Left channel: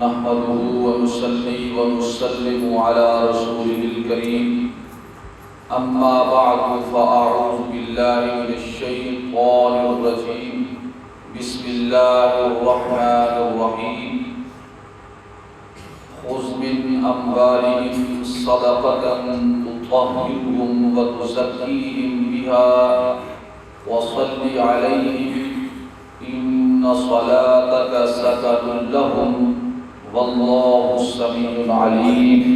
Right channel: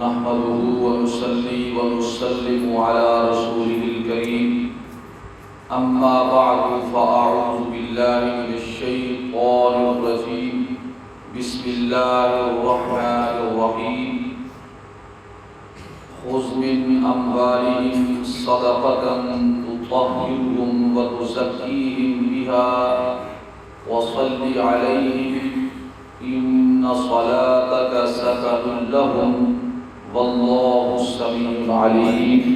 نحمده ونصلي ونسلم على رسوله الكريم أما بعد فأعوذ بالله من الشيطان الرجيم بسم الله الرحمن الرحيم خذ من أموالهم صدقة تطهرهم وتزكيهم بها وصل عليهم إن صلاتك سكن لهم والله السميع العليم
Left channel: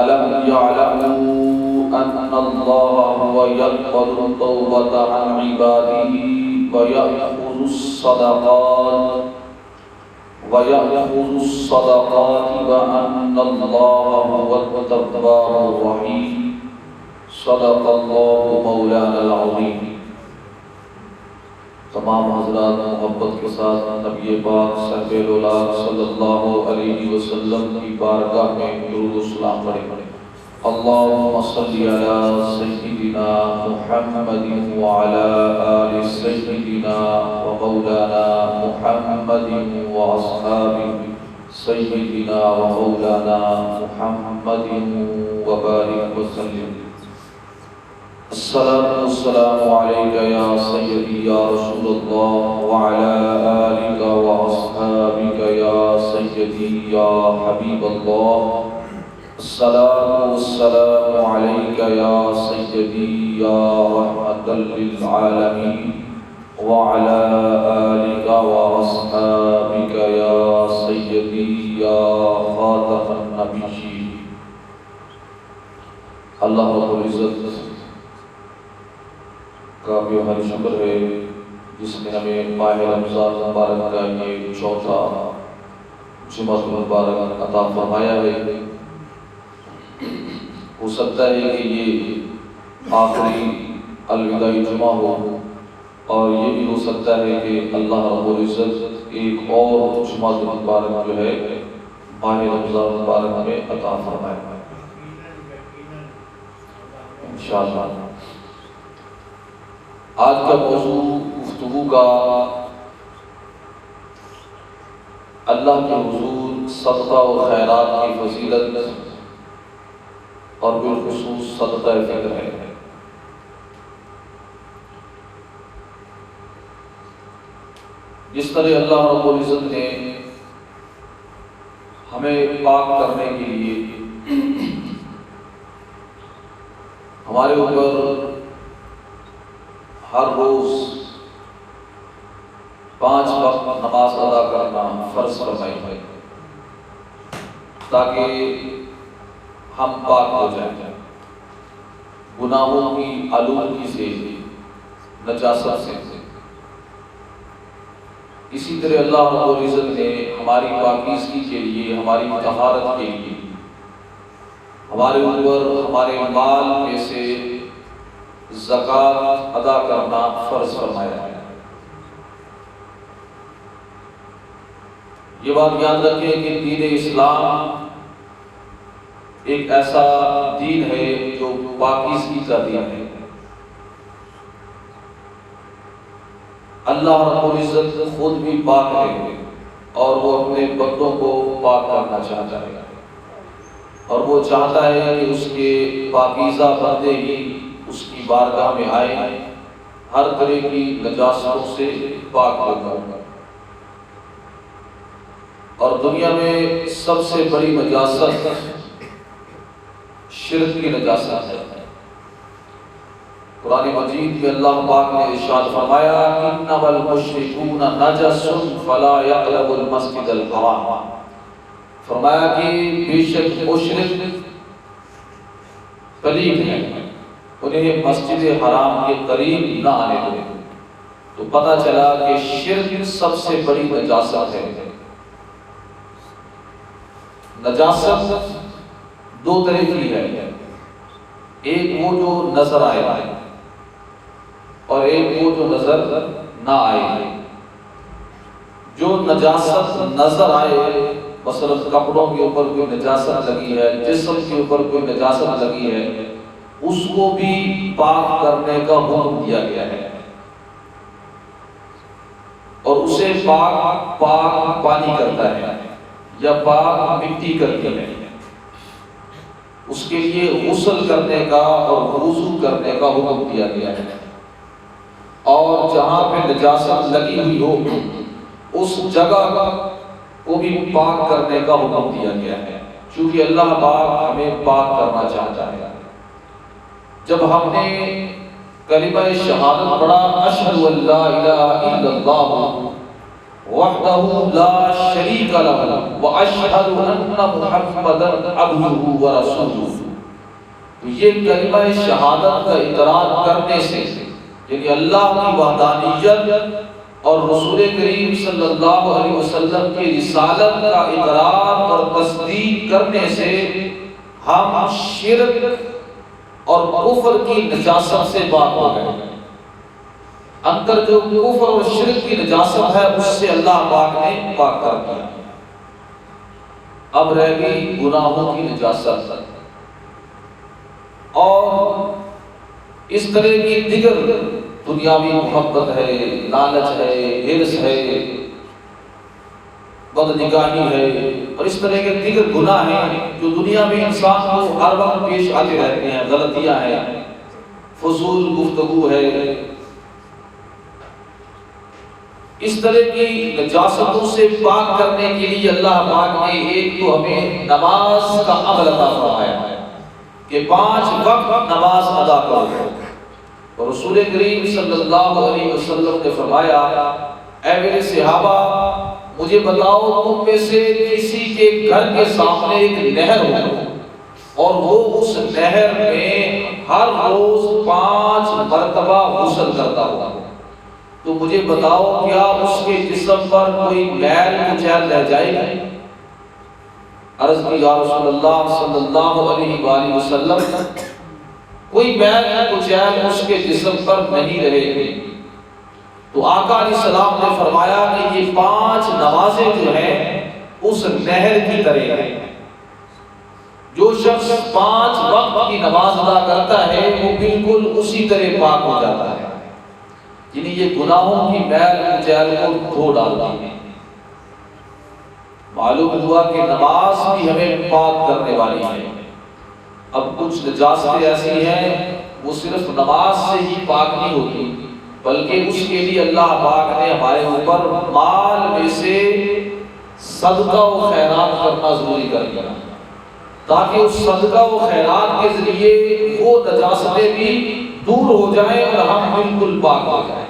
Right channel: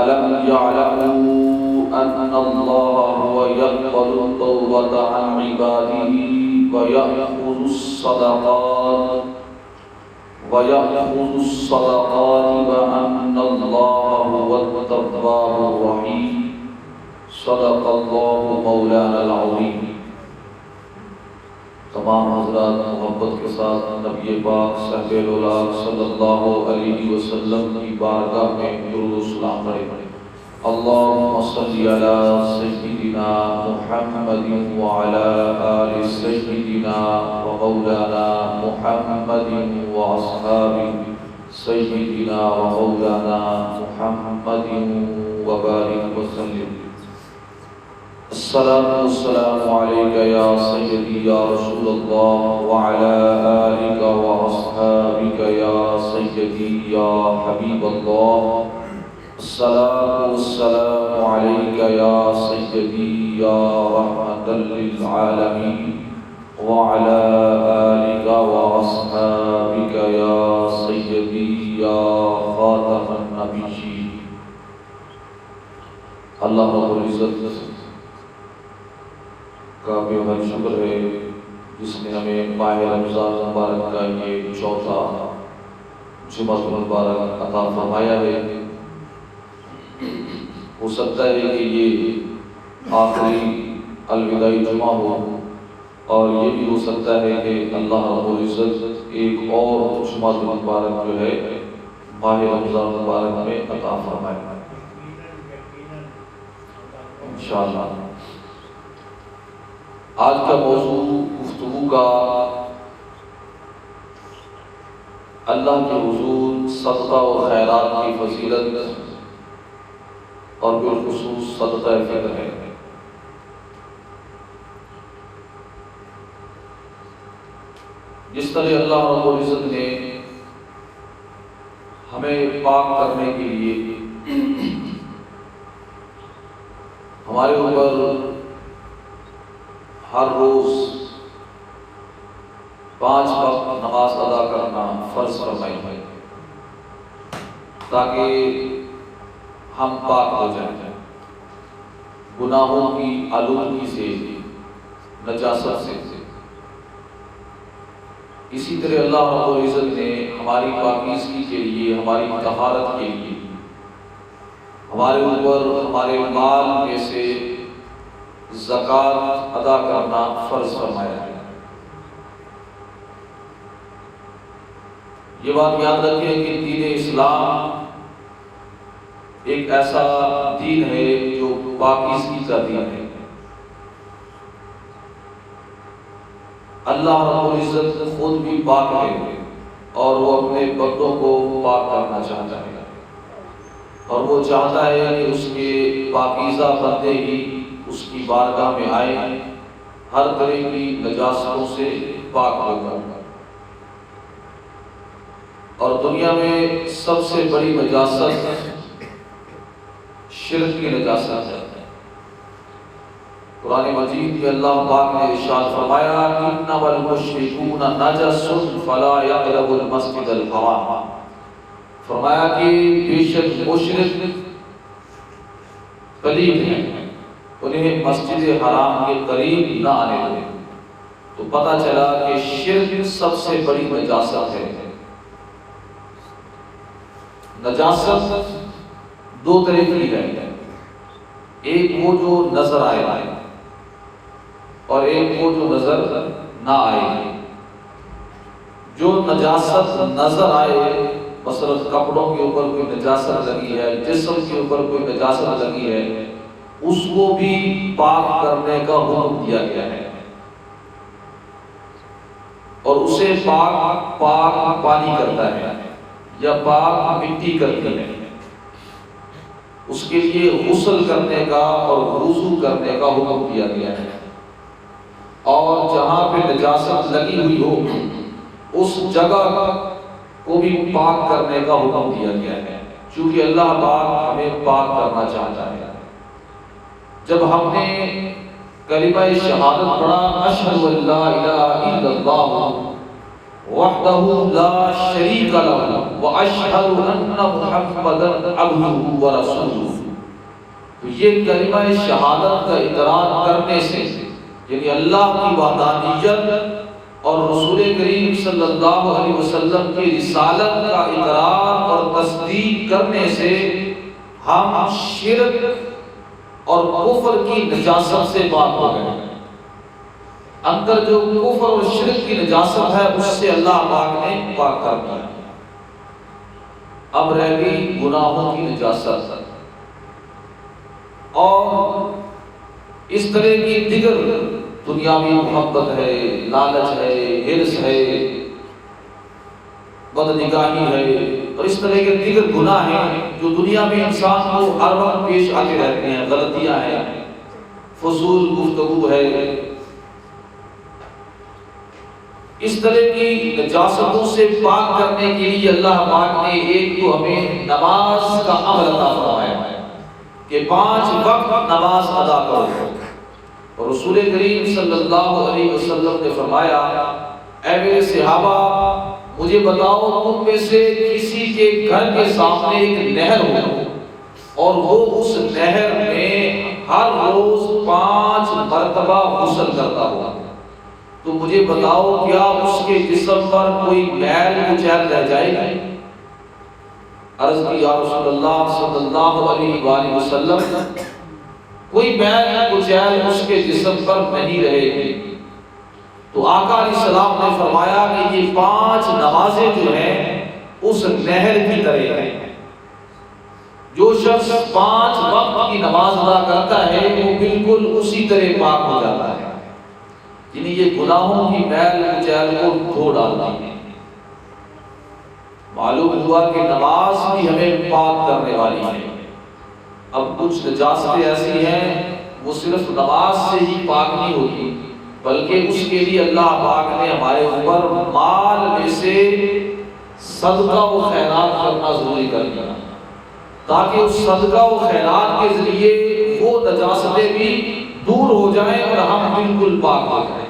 ألم يعلموا أن الله هو يقبل التوبة عن عباده ويأخذ الصدقات وأن الله هو التواب الرحيم صدق الله مولانا العظيم۔ تمام حضرات محبت کے ساتھ نبی پاک صلی اللہ علیہ وسلم کی بارگاہ میں درود و سلام پڑھیں۔ اللہم صلی علی سیدنا محمد وعلی آل سیدنا ومولانا محمد واصحاب سیدنا ومولانا محمد وبارک وسلم۔ الصلاة والسلام عليك يا سيدي يا رسول الله وعلى آلك وأصحابك يا سيدي يا حبيب الله۔ الصلاة والسلام عليك يا سيدي يا رحمة للعالمين وعلى آلك وأصحابك يا سيدي يا خاتم النبيين۔ اللہ رب العزت کا بھی ہماری شکر ہے جس نے ہمیں ماہ رمضان مبارک کا یہ چوتھا جمعہ مبارک عطا فرمایا ہے۔ ہو سکتا ہے کہ یہ آخری الوداعی جمعہ ہو، اور یہ بھی ہو سکتا ہے کہ اللہ رب العزت ایک اور جمعہ مبارک جو ہے ماہ رمضان مبارک میں عطا فرمائے انشاءاللہ۔ آج کا موضوع گفتگو کا اللہ کے حضور صدقہ و خیرات کی فضیلت اور بالخصوص صدقہ فطر ہے۔ جس طرح اللہ رب العزت نے ہمیں پاک کرنے کے لیے ہمارے اوپر ہر روز 5 وقت نماز ادا کرنا فرض فرمائی ہے تاکہ ہم پاک ہو جائیں گناہوں کی آلودگی سے، نجاست سے۔ اسی طرح اللہ رب العزت نے ہماری پاکیزگی کے لیے، ہماری طہارت کے لیے ہمارے اوپر ہمارے مال میں سے زکوٰۃ ادا کرنا فرض فرمایا ہے۔ یہ بات یاد رکھیں کہ دین اسلام ایک ایسا دین ہے جو پاکیزگی کا دین ہے۔ اللہ رب العزت خود بھی پاک ہے اور وہ اپنے بندوں کو پاک کرنا چاہتا ہے، اور وہ چاہتا ہے کہ اس کے پاکیزہ بندے ہی اس کی بارگاہ میں آئے، ہر طرح کی نجاستوں سے پاک ہو۔ اور دنیا میں سب سے بڑی نجاست شرک کی نجاست ہے۔ قرآن مجید میں اللہ پاک نے ارشاد فرمایا انما المشرکون نجس فلا یقربوا المسجد الحرام۔ فرمایا کہ بے شک مشرک پلید ہیں، انہیں مسجد حرام کے قریب نہ آنے دیں۔ تو پتہ چلا کہ شرک سب سے بڑی نجاست ہے۔ نجاست 2 طرح کی ہے، ایک وہ جو نظر آئے اور ایک وہ جو نظر نہ آئے۔ جو نجاست نظر آئے، مثلا کپڑوں کے اوپر کوئی نجاست لگی ہے، جسم کے اوپر کوئی نجاست لگی ہے، اس کو بھی پاک کرنے کا حکم دیا گیا ہے۔ اور اسے پاک پانی کرتا ہے یا پاک مٹی کرتی ہے، اس کے لیے غسل کرنے کا اور وضو کرنے کا حکم دیا گیا ہے، اور جہاں پہ نجاست لگی ہوئی ہو اس جگہ کو بھی پاک کرنے کا حکم دیا گیا ہے، چونکہ اللہ پاک ہمیں پاک کرنا چاہتا ہے۔ جب ہم نے کلمہ شہادت پڑھا، اشہد ان لا الہ الا اللہ وحدہ لا شریک لہ واشہد ان محمدا عبدہ ورسولہ، تو یہ کلمہ شہادت کا اقرار کرنے سے، یعنی اللہ کی وحدانیت اور رسول کریم صلی اللہ علیہ وسلم کی رسالت کا اقرار اور تصدیق کرنے سے ہم شرک اور کفر کی نجاست سے پاک ہو گئے۔ اندر جو کفر اور شرک کی نجاست ہے اس سے اللہ پاک نے پاک کر دیا۔ اب رہ گئی گناہوں کی نجاست، اور اس طرح کی دیگر دنیاوی محبت ہے، لالچ ہے، ہرس ہے، بدنگاہی ہے، اور اس طرح کے دیگر گناہ ہیں جو دنیا میں انسان کو ہر وقت پیش آتے رہتے ہیں، غلطیاں ہیں، فضول گفتگو ہے، اس طرح کی نجاستوں سے پاک کرنے کے لیے اللہ پاک نے ایک تو ہمیں نماز کا عمل عطا فرمایا ہے کہ 5 وقت نماز ادا کرو، اور رسول کریم صلی اللہ علیہ وسلم نے فرمایا، اے میرے صحابہ مجھے بتاؤ تم میں سے کسی کے گھر کے سامنے ایک نہر ہو اور وہ اس نہر میں ہر روز 5 مرتبہ غسل کرتا ہوا، تو مجھے بتاؤ کیا اس کے جسم پر کوئی میل کچیل رہ جائے گی؟ عرض کی یا رسول اللہ صلی اللہ علیہ وآلہ وسلم، کوئی میل کچیل اس کے جسم پر نہیں رہے گی۔ تو آقا علیہ السلام نے فرمایا کہ یہ 5 نمازیں جو ہیں اس نہر کی طرح ہیں، جو شخص 5 وقت کی نماز ادا کرتا ہے وہ بالکل اسی طرح پاک ہو جاتا ہے، یعنی یہ گناہوں کی میل کچیل کو دھو ڈالتی ہے۔ معلوم ہوا کہ نماز بھی ہمیں پاک کرنے والی ہے۔ اب کچھ نجاستیں ایسی ہیں وہ صرف نماز سے ہی پاک نہیں ہوتی، بلکہ اس کے لیے اللہ پاک نے ہمارے اوپر مال میں سے صدقہ و خیرات کرنا ضروری کر دیا، تاکہ اس صدقہ و خیرات کے ذریعے وہ نجاستیں بھی دور ہو جائیں اور ہم بالکل پاک ہو جائیں۔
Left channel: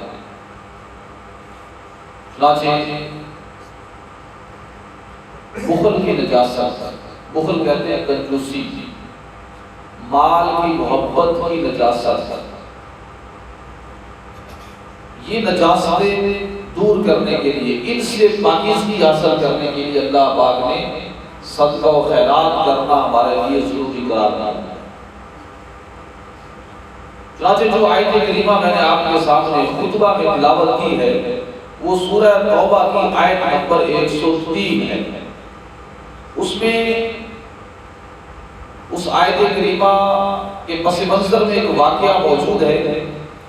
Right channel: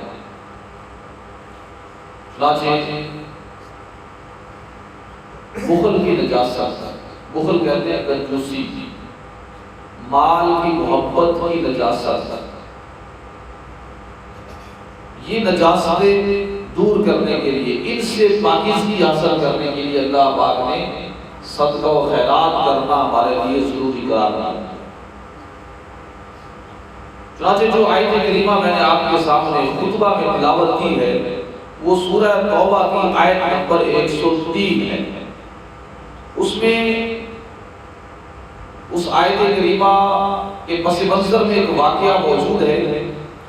بخل کی نجاست، بخل کہتے ہیں کنجوسی، مال کی محبت کی نجاست، یہ نجاستیں دور کرنے کے لیے، ان سے پاکیزگی حاصل کرنے کے لیے اللہ پاک نے صدقہ و خیرات کرنا ہمارے لیے ضروری قرار دیا۔ چنانچہ جو آیت کریمہ میں نے آپ کے سامنے خطبہ میں تلاوت کی ہے وہ سورہ توبہ کی آیت نمبر 103 ہے۔ اس میں اس آیت کریمہ کے پس منظر میں ایک واقعہ موجود ہے،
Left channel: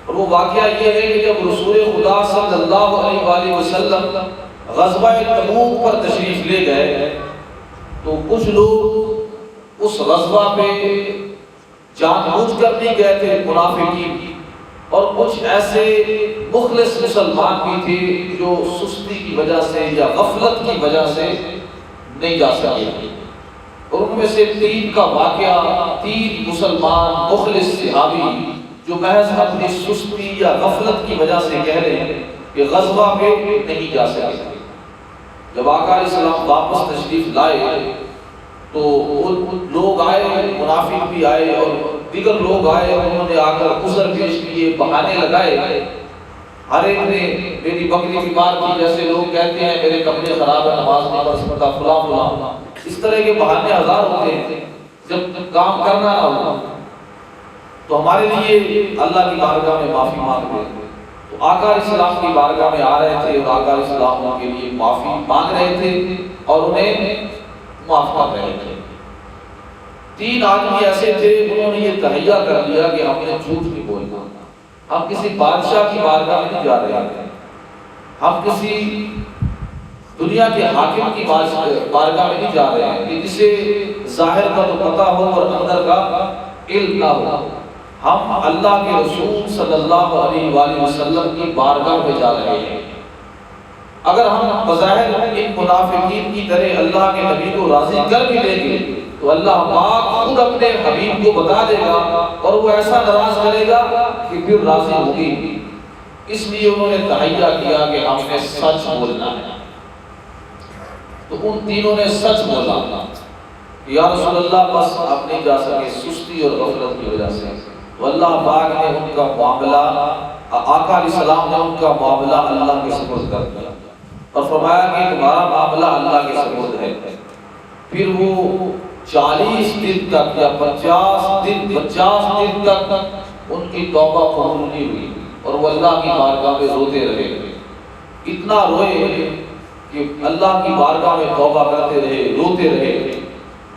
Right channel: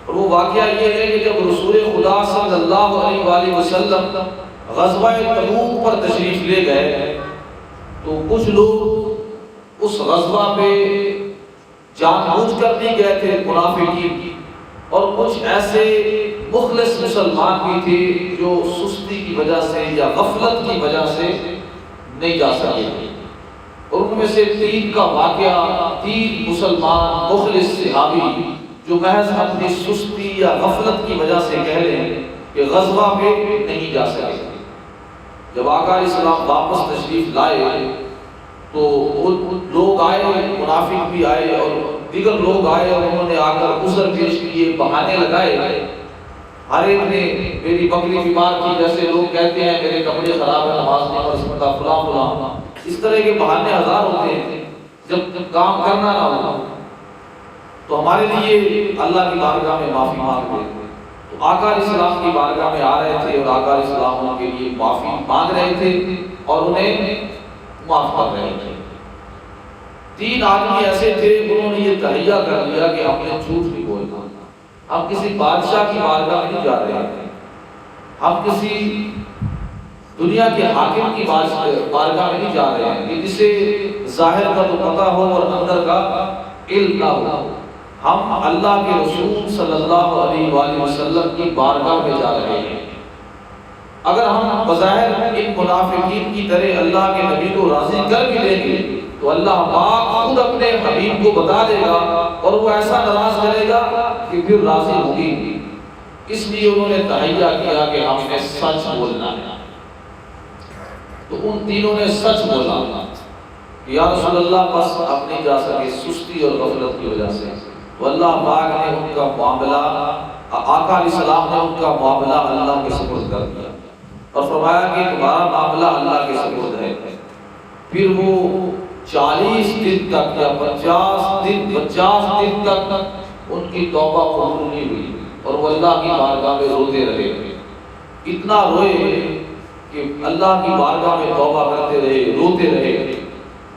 اور وہ واقعہ یہ ہے کہ جب رسول خدا صلی اللہ علیہ وآلہ وسلم غزوہ تبوک پر تشریف لے گئے تو کچھ لوگ اس غزوہ میں جان بوجھ کر نہیں گئے تھے، منافقین، اور کچھ ایسے مخلص مسلمان بھی تھے جو سستی کی وجہ سے یا غفلت کی وجہ سے نہیں جا سکے، اور ان میں سے 3 کا واقعہ، 3 مسلمان مخلص صحابی جو محض اپنی سستی یا غفلت کی وجہ سے کہہ رہے ہیں کہ غزوہ میں نہیں جا سکے۔ جب آقا علیہ السلام واپس تشریف لائے تو لوگ آئے، منافق بھی آئے اور دیگر لوگ آئے، اور انہوں نے آ کر عذر پیش کیے، بہانے لگائے، ہر ایک نے میری بکری بیمار کی، جیسے لوگ کہتے ہیں میرے کپڑے خراب ہیں، نماز نہیں پڑھ سکتا، فلاں فلاں، اس طرح کے بہانے ہزار ہوتے ہیں۔ جب کام کرنا نہ ہو تو ہمارے لیے اللہ کی بارگاہ میں معافی مانگ رہے تھے، تو آقا علیہ السلام کی بارگاہ میں آ رہے تھے اور آقا علیہ السلام ان کے لیے معافی مانگ رہے تھے اور انہیں معاف کر رہے تھے۔ 3 آدمی ایسے تھے انہوں نے یہ تہیہ کر لیا کہ ہم نے جھوٹ نہیں بولنا، ہم کسی بادشاہ کی بارگاہ میں نہیں جا رہے ہیں، ہم کسی دنیا کے حاکم کی بارگاہ میں نہیں جا رہے ہیں کہ جسے ظاہر کا تو پتہ ہو اور اندر کا علم نہ ہو. ہم اللہ کے رسول صلی اللہ علیہ وآلہ وسلم کی بارگاہ میں جا رہے ہیں. اگر ہم بظاہر ان منافقین کی طرح اللہ کے نبی کو راضی کر بھی لیں گے تو اللہ پاک خود اپنے حبیب کو بتا دے گا اور وہ ایسا ناراض کرے گا کہ پھر راضی ہوگی. اس لیے انہوں نے تحیہ کیا کہ ہم نے سچ بولنا ہے. تو ان تینوں نے سچ بولا. یا رسول اللہ بس آپ نہیں جا سکے سستی اور غفلت کی وجہ سے. تو اللہ پاک نے ان کا معاملہ، آقا علیہ السلام نے ان کا معاملہ اللہ کے سپرد کر دیا اور فرمایا کہ تمہارا معاملہ اللہ کے سپرد ہے. پھر وہ 40 دن تک یا 50 دن تک ان کی توبہ قبول نہیں ہوئی اور وہ اللہ کی بارگاہ میں روتے رہے. اتنا روئے کہ اللہ کی بارگاہ میں توبہ کرتے رہے، روتے رہے،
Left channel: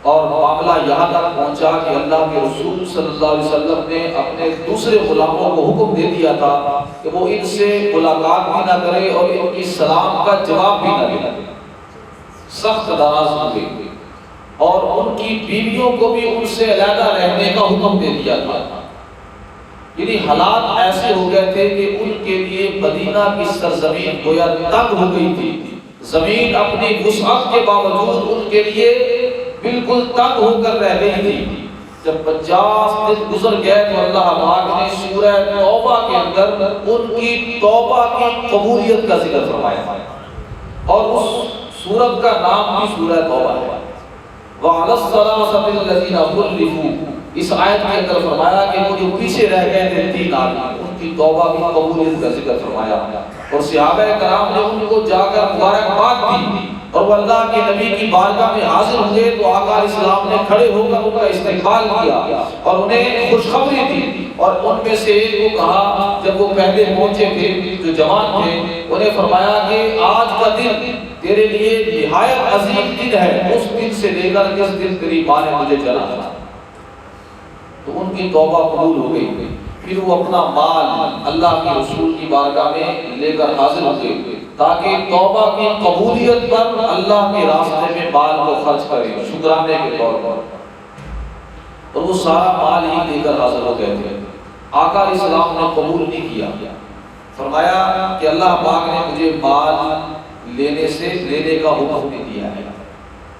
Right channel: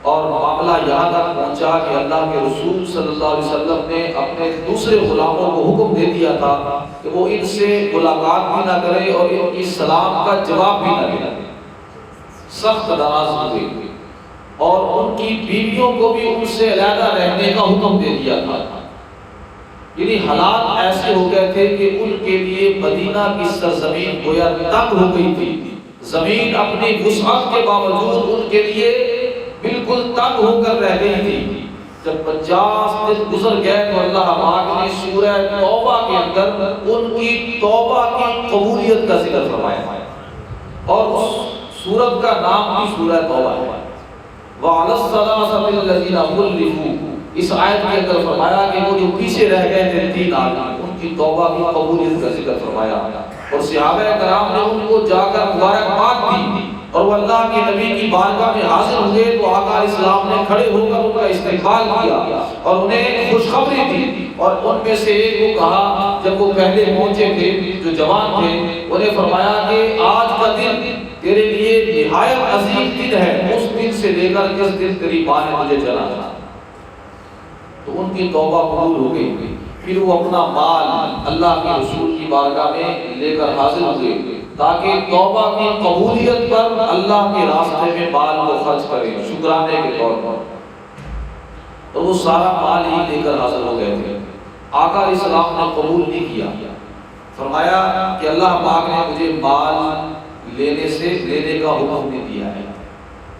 اور معاملہ یہاں تک پہنچا کہ اللہ کے رسول صلی اللہ علیہ وسلم نے اپنے دوسرے غلاموں کو حکم دے دیا تھا کہ وہ ان سے ملاقات بھی نہ کرے اور ان کی سلام کا جواب بھی نہ دے. سخت ناراض ہوئے اور ان کی بیویوں کو بھی ان سے علیحدہ رہنے کا حکم دے دیا تھا. یعنی حالات ایسے ہو گئے تھے کہ ان کے لیے مدینہ کی سرزمین گویا تنگ ہو گئی تھی. زمین اپنی وسعت کے باوجود ان کے لیے بالکل تنگ ہو کر رہ گئی تھی. جب 50 دن گزر گئے تو اللہ پاک نے سورہ توبہ کے اندر ان کی توبہ کی قبولیت کا ذکر فرمایا اور اس سورت کا نام بھی سورہ توبہ ہے. وَعَلَى الصَّلَاةِ الَّذِينَ خُلِّفُوا، اس آیت کے اندر فرمایا کہ وہ جو پیچھے رہ گئے تھے 3 آدمی، ان کی توبہ کی قبولیت کا ذکر فرمایا اور صحابہ کرام نے ان کو جا کر مبارکباد دی. اور وہ اللہ کے نبی کی بارگاہ میں حاضر ہوئے تو آقا علیہ السلام نے کھڑے ہو کر ان کا استقبال کیا اور انہیں خوشخبری دی. اور ان میں سے ایک کو کہا، جب وہ پہلے پہنچے تھے جو جوان تھے، انہیں فرمایا کہ آج کا دن تیرے لیے نہایت عظیم دن ہے، اس دن سے لے کر کس دن تیری ماں نے مجھے جنا. تو ان کی توبہ قبول ہو گئی. پھر وہ اپنا مال اللہ کے رسول کی بارگاہ میں لے کر حاضر ہوئے تاکہ توبہ کی قبولیت پر اللہ کے راستے میں مال کو خرچ کریں شکرانے کے طور پر. تو وہ سارا مال ہی لے کر حاضر ہو گئے تھے. آقا علیہ السلام نے قبول نہیں کیا. فرمایا کہ اللہ پاک نے مجھے مال لینے کا حکم نہیں دیا ہے.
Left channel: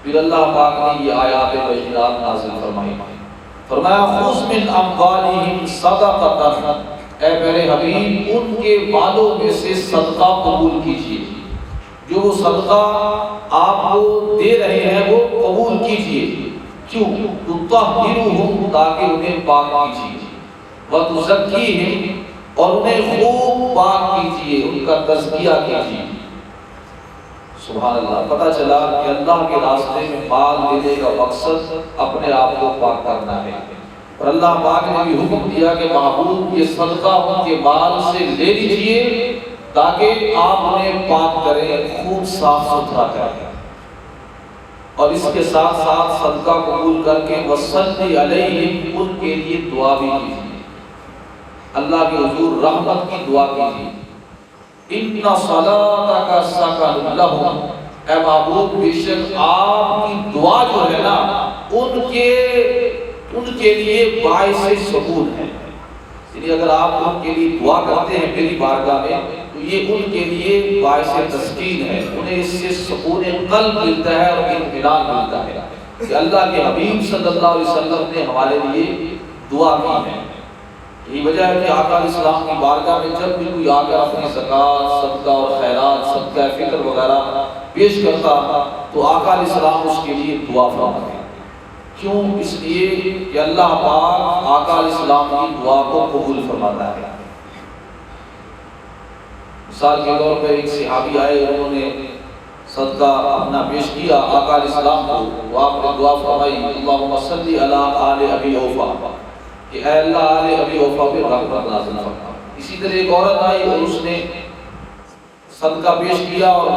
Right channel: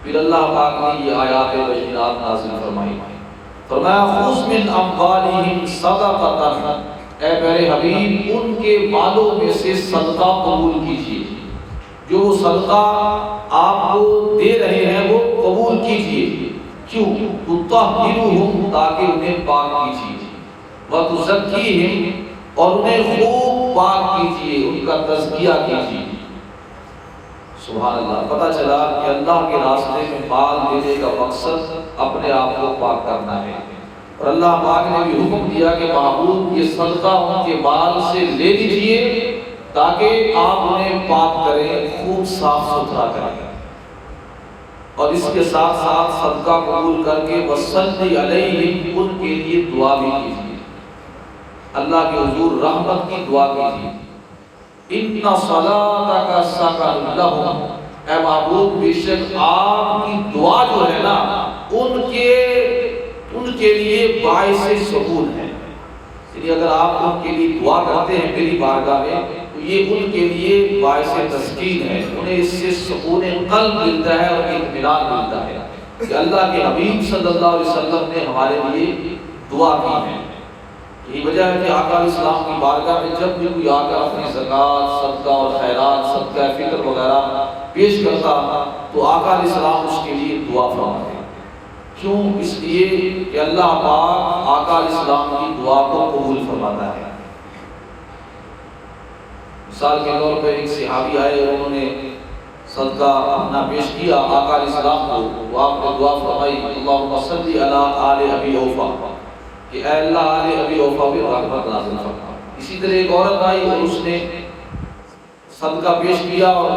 پھر اللہ پاک نے یہ آیات بشیرات نازل فرمائی. فرمایا خذ من اموالہم صدقۃ، اے میرے حبیب ان کے مالوں میں سے صدقہ قبول کیجیے. جو وہ صدقہ آپ کو دے رہے ہیں وہ قبول کیجیے. کیوں؟ تطہرہم، تاکہ انہیں پاک کیجیے، وتزکیہم، اور انہیں خوب پاک کیجیے، ان کا تزکیہ کیجیے. سبحان اللہ. پتہ چلا کہ اللہ کے راستے میں مال دینے کا مقصد اپنے آپ کو پاک کرنا ہے. اور اللہ پاک نے بھی حکم دیا کہ معبود یہ صدقہ ان کے مال سے لے لیجیے تاکہ آپ انہیں پاک کریں، خوب صاف ستھرا کریں. اور اس کے ساتھ ساتھ صدقہ قبول کر کے وصلی علیہم، ان کے لیے دعا بھی کیجیے، اللہ کے حضور رحمت کی دعا کیجیے. ان صلاتک سکن لہم، اے معبود بے شک آپ کی دعا جو ہے نا ان کے لیے باعث سکون ہے. یعنی اگر آپ ان کے لیے دعا کرتے ہیں میری بارگاہ میں تو یہ ان کے لیے باعث تسکین ہے. انہیں اس سے سکون قلب ملتا ہے اور اطمینان ملتا ہے کہ اللہ کے حبیب صلی اللہ علیہ وسلم نے ہمارے لیے دعا کی ہے. یہ وجہ ہے کہ آقا علیہ السلام کی بارگاہ میں جب بھی کوئی آقا اپنی زکوٰۃ، صدقہ اور خیرات، صدقہ فطر وغیرہ پیش کرتا تو آقا علیہ السلام اس کے لیے دعا فرماتے. کیوں؟ اس لیے کہ اللہ پاک آقا علیہ السلام کی دعا کو قبول فرماتا ہے. مثال کے طور پہ ایک صحابی آئے، انہوں نے صدقہ اپنا پیش کیا آقا علیہ السلام کو، تو آپ نے دعا فرمائی اللہم صلی علی آل ابی اوفا، کہ اے اللہ آل ابی اوفا بھی رحمت نازل فرما. اسی طرح ایک عورت آئی اور اس نے صدقہ پیش کیا اور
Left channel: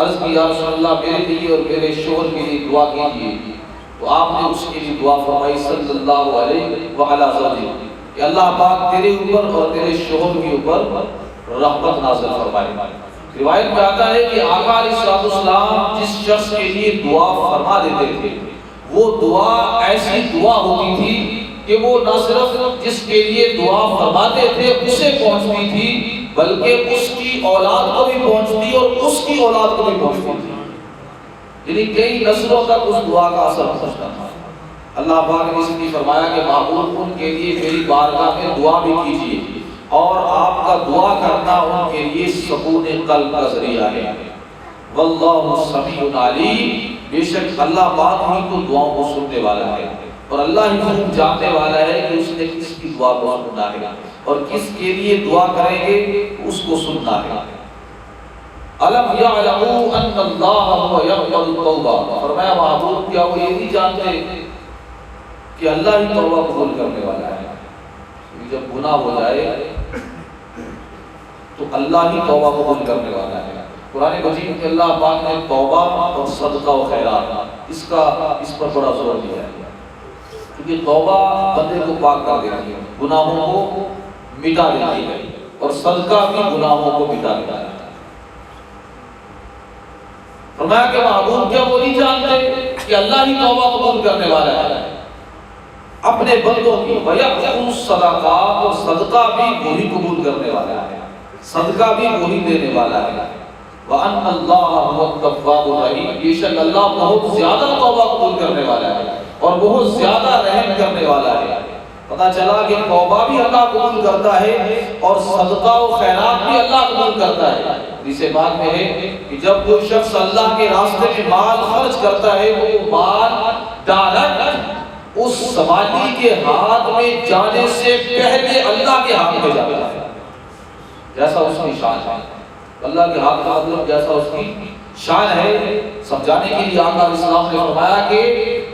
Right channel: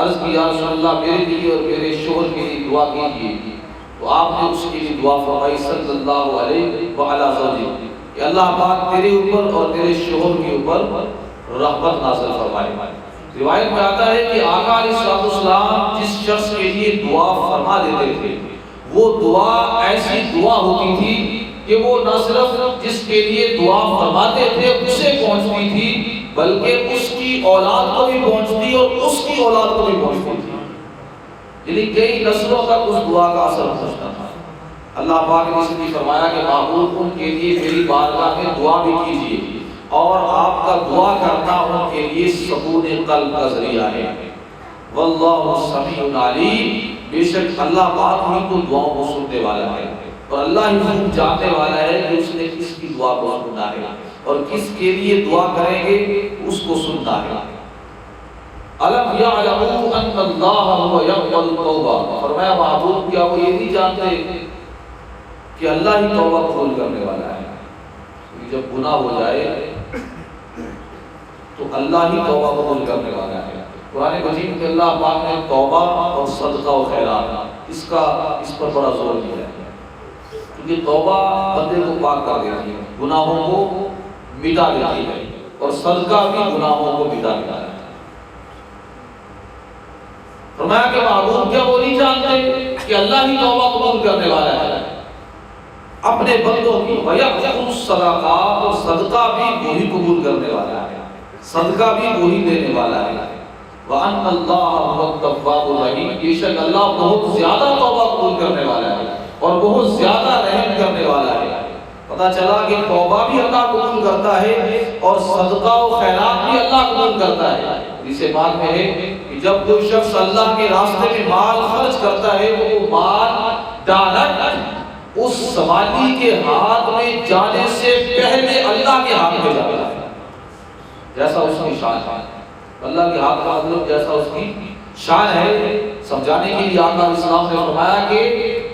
عرض کیا رسول اللہ میرے لیے اور میرے شوہر کے لیے دعا کیجیے. تو آپ نے اس کے لیے دعا فرمائی صلی اللہ علیہ وعلی وسلم کہ اللہ پاک تیرے اوپر اور تیرے شوہر کے اوپر رحمت نازل فرمائے. روایت میں آتا ہے کہ آقا علیہ السلام جس شخص کے لیے دعا فرما دیتے تھے وہ دعا ایسی دعا ہوتی تھی کہ وہ نہ صرف جس کے لیے دعا فرماتے تھے اسے پہنچتی تھی بلکہ اس کی اولاد کو بھی پہنچتی اور اس کی اولاد کو بھی پہنچتی تھی، یعنی کئی نسلوں تک اس دعا کا اثر پہنچتا تھا۔ اللہ پاک نے اس لیے فرمایا کہ معبود ان کے لیے میری بارگاہ میں دعا بھی کیجیے اور آپ کا دعا کرنا ان کے لیے سکون قلب کا ذریعہ ہے۔ واللہ سمیع علیم، بے شک اللہ پاک ہی کو دعاؤں کو سننے والا ہے اور اللہ ہی خوب جاننے والا ہے کہ اس نے کس کی دعا کو سننا ہے اور کس کے لیے دعا کریں گے اس کو سننا ہے۔ الم یعلموا ان اللہ هو یقبل التوبہ، فرمایا معبود کیا وہ یہ نہیں جانتے کہ اللہ ہی توبہ قبول کرنے والا ہے؟ جب گناہ ہو جائے تو اللہ ہی توبہ قبول کرنے والا ہے۔ قرآن مجید میں اللہ پاک نے توبہ اور صدقہ و خیرات اس پر بڑا زور دیا ہے، کیونکہ توبہ بندے کو پاک کر دیتی ہے، گناہوں کو مٹا دیتی ہے، اور صدقہ بھی گناہوں کو مٹا دیتا ہے۔ فرمایا کہ معبود کیا وہ نہیں جانتے کہ اللہ ہی توبہ قبول کرنے والا ہے اپنے بندوں کی، وَيَأْخُذُ الصَّدَقَاتِ، اور صدقہ بھی وہی قبول کرنے والا ہے، صدقہ بھی وہی دینے والا ہے۔ وَأَنَّ اللَّهَ هُوَ التَّوَّابُ الرَّحِيمُ، بے شک اللہ بہت زیادہ توبہ قبول کرنے والا ہے اور بہت زیادہ رحم کرنے والا ہے۔ پتہ چلا کہ توبہ بھی اللہ قبول کرتا ہے اور صدقہ و خیرات بھی اللہ قبول کرتا ہے۔ اسے بات میں ہے کہ جب کوئی شخص اللہ کے راستے میں مال خرچ کرتا ہے وہ مال ڈائریکٹ اس سوالی کے ہاتھ میں جانے سے پہلے اللہ کے ہاتھ میں جاتا ہے، جیسا اس کی شان ہے۔ اللہ کے ہاتھ کا مطلب جیسا اس کی شان ہے، سمجھانے کے لیے آقا علیہ السلام نے فرمایا کہ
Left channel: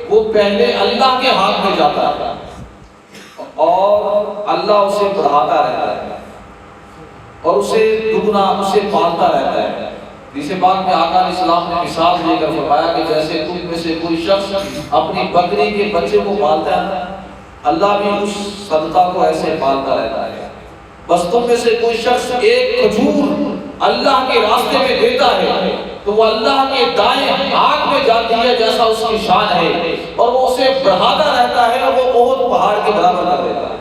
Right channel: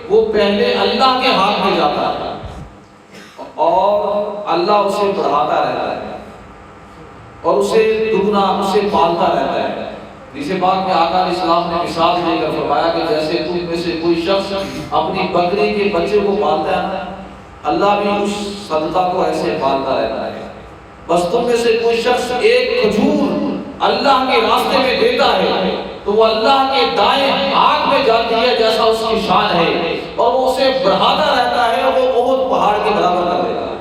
وہ پہلے اللہ کے ہاتھ میں جاتا ہے اور اللہ اسے بڑھاتا رہتا ہے اور اسے دگنا اسے پالتا رہتا ہے۔ جسے بات میں آقا علیہ السلام نے مثال دے کر فرمایا کہ جیسے تم میں سے کوئی شخص اپنی بکری کے بچے کو پالتا ہے، اللہ بھی اس صدقہ کو ایسے پالتا رہتا ہے۔ بس تم میں سے کوئی شخص ایک کھجور اللہ کے راستے میں دیتا ہے تو وہ اللہ کے دائیں ہاتھ میں جاتی ہے جیسا اس کی شان ہے، اور وہ اسے بڑھاتا رہتا ہے اور وہ بہت پہاڑ کے برابر کر دیتا ہے۔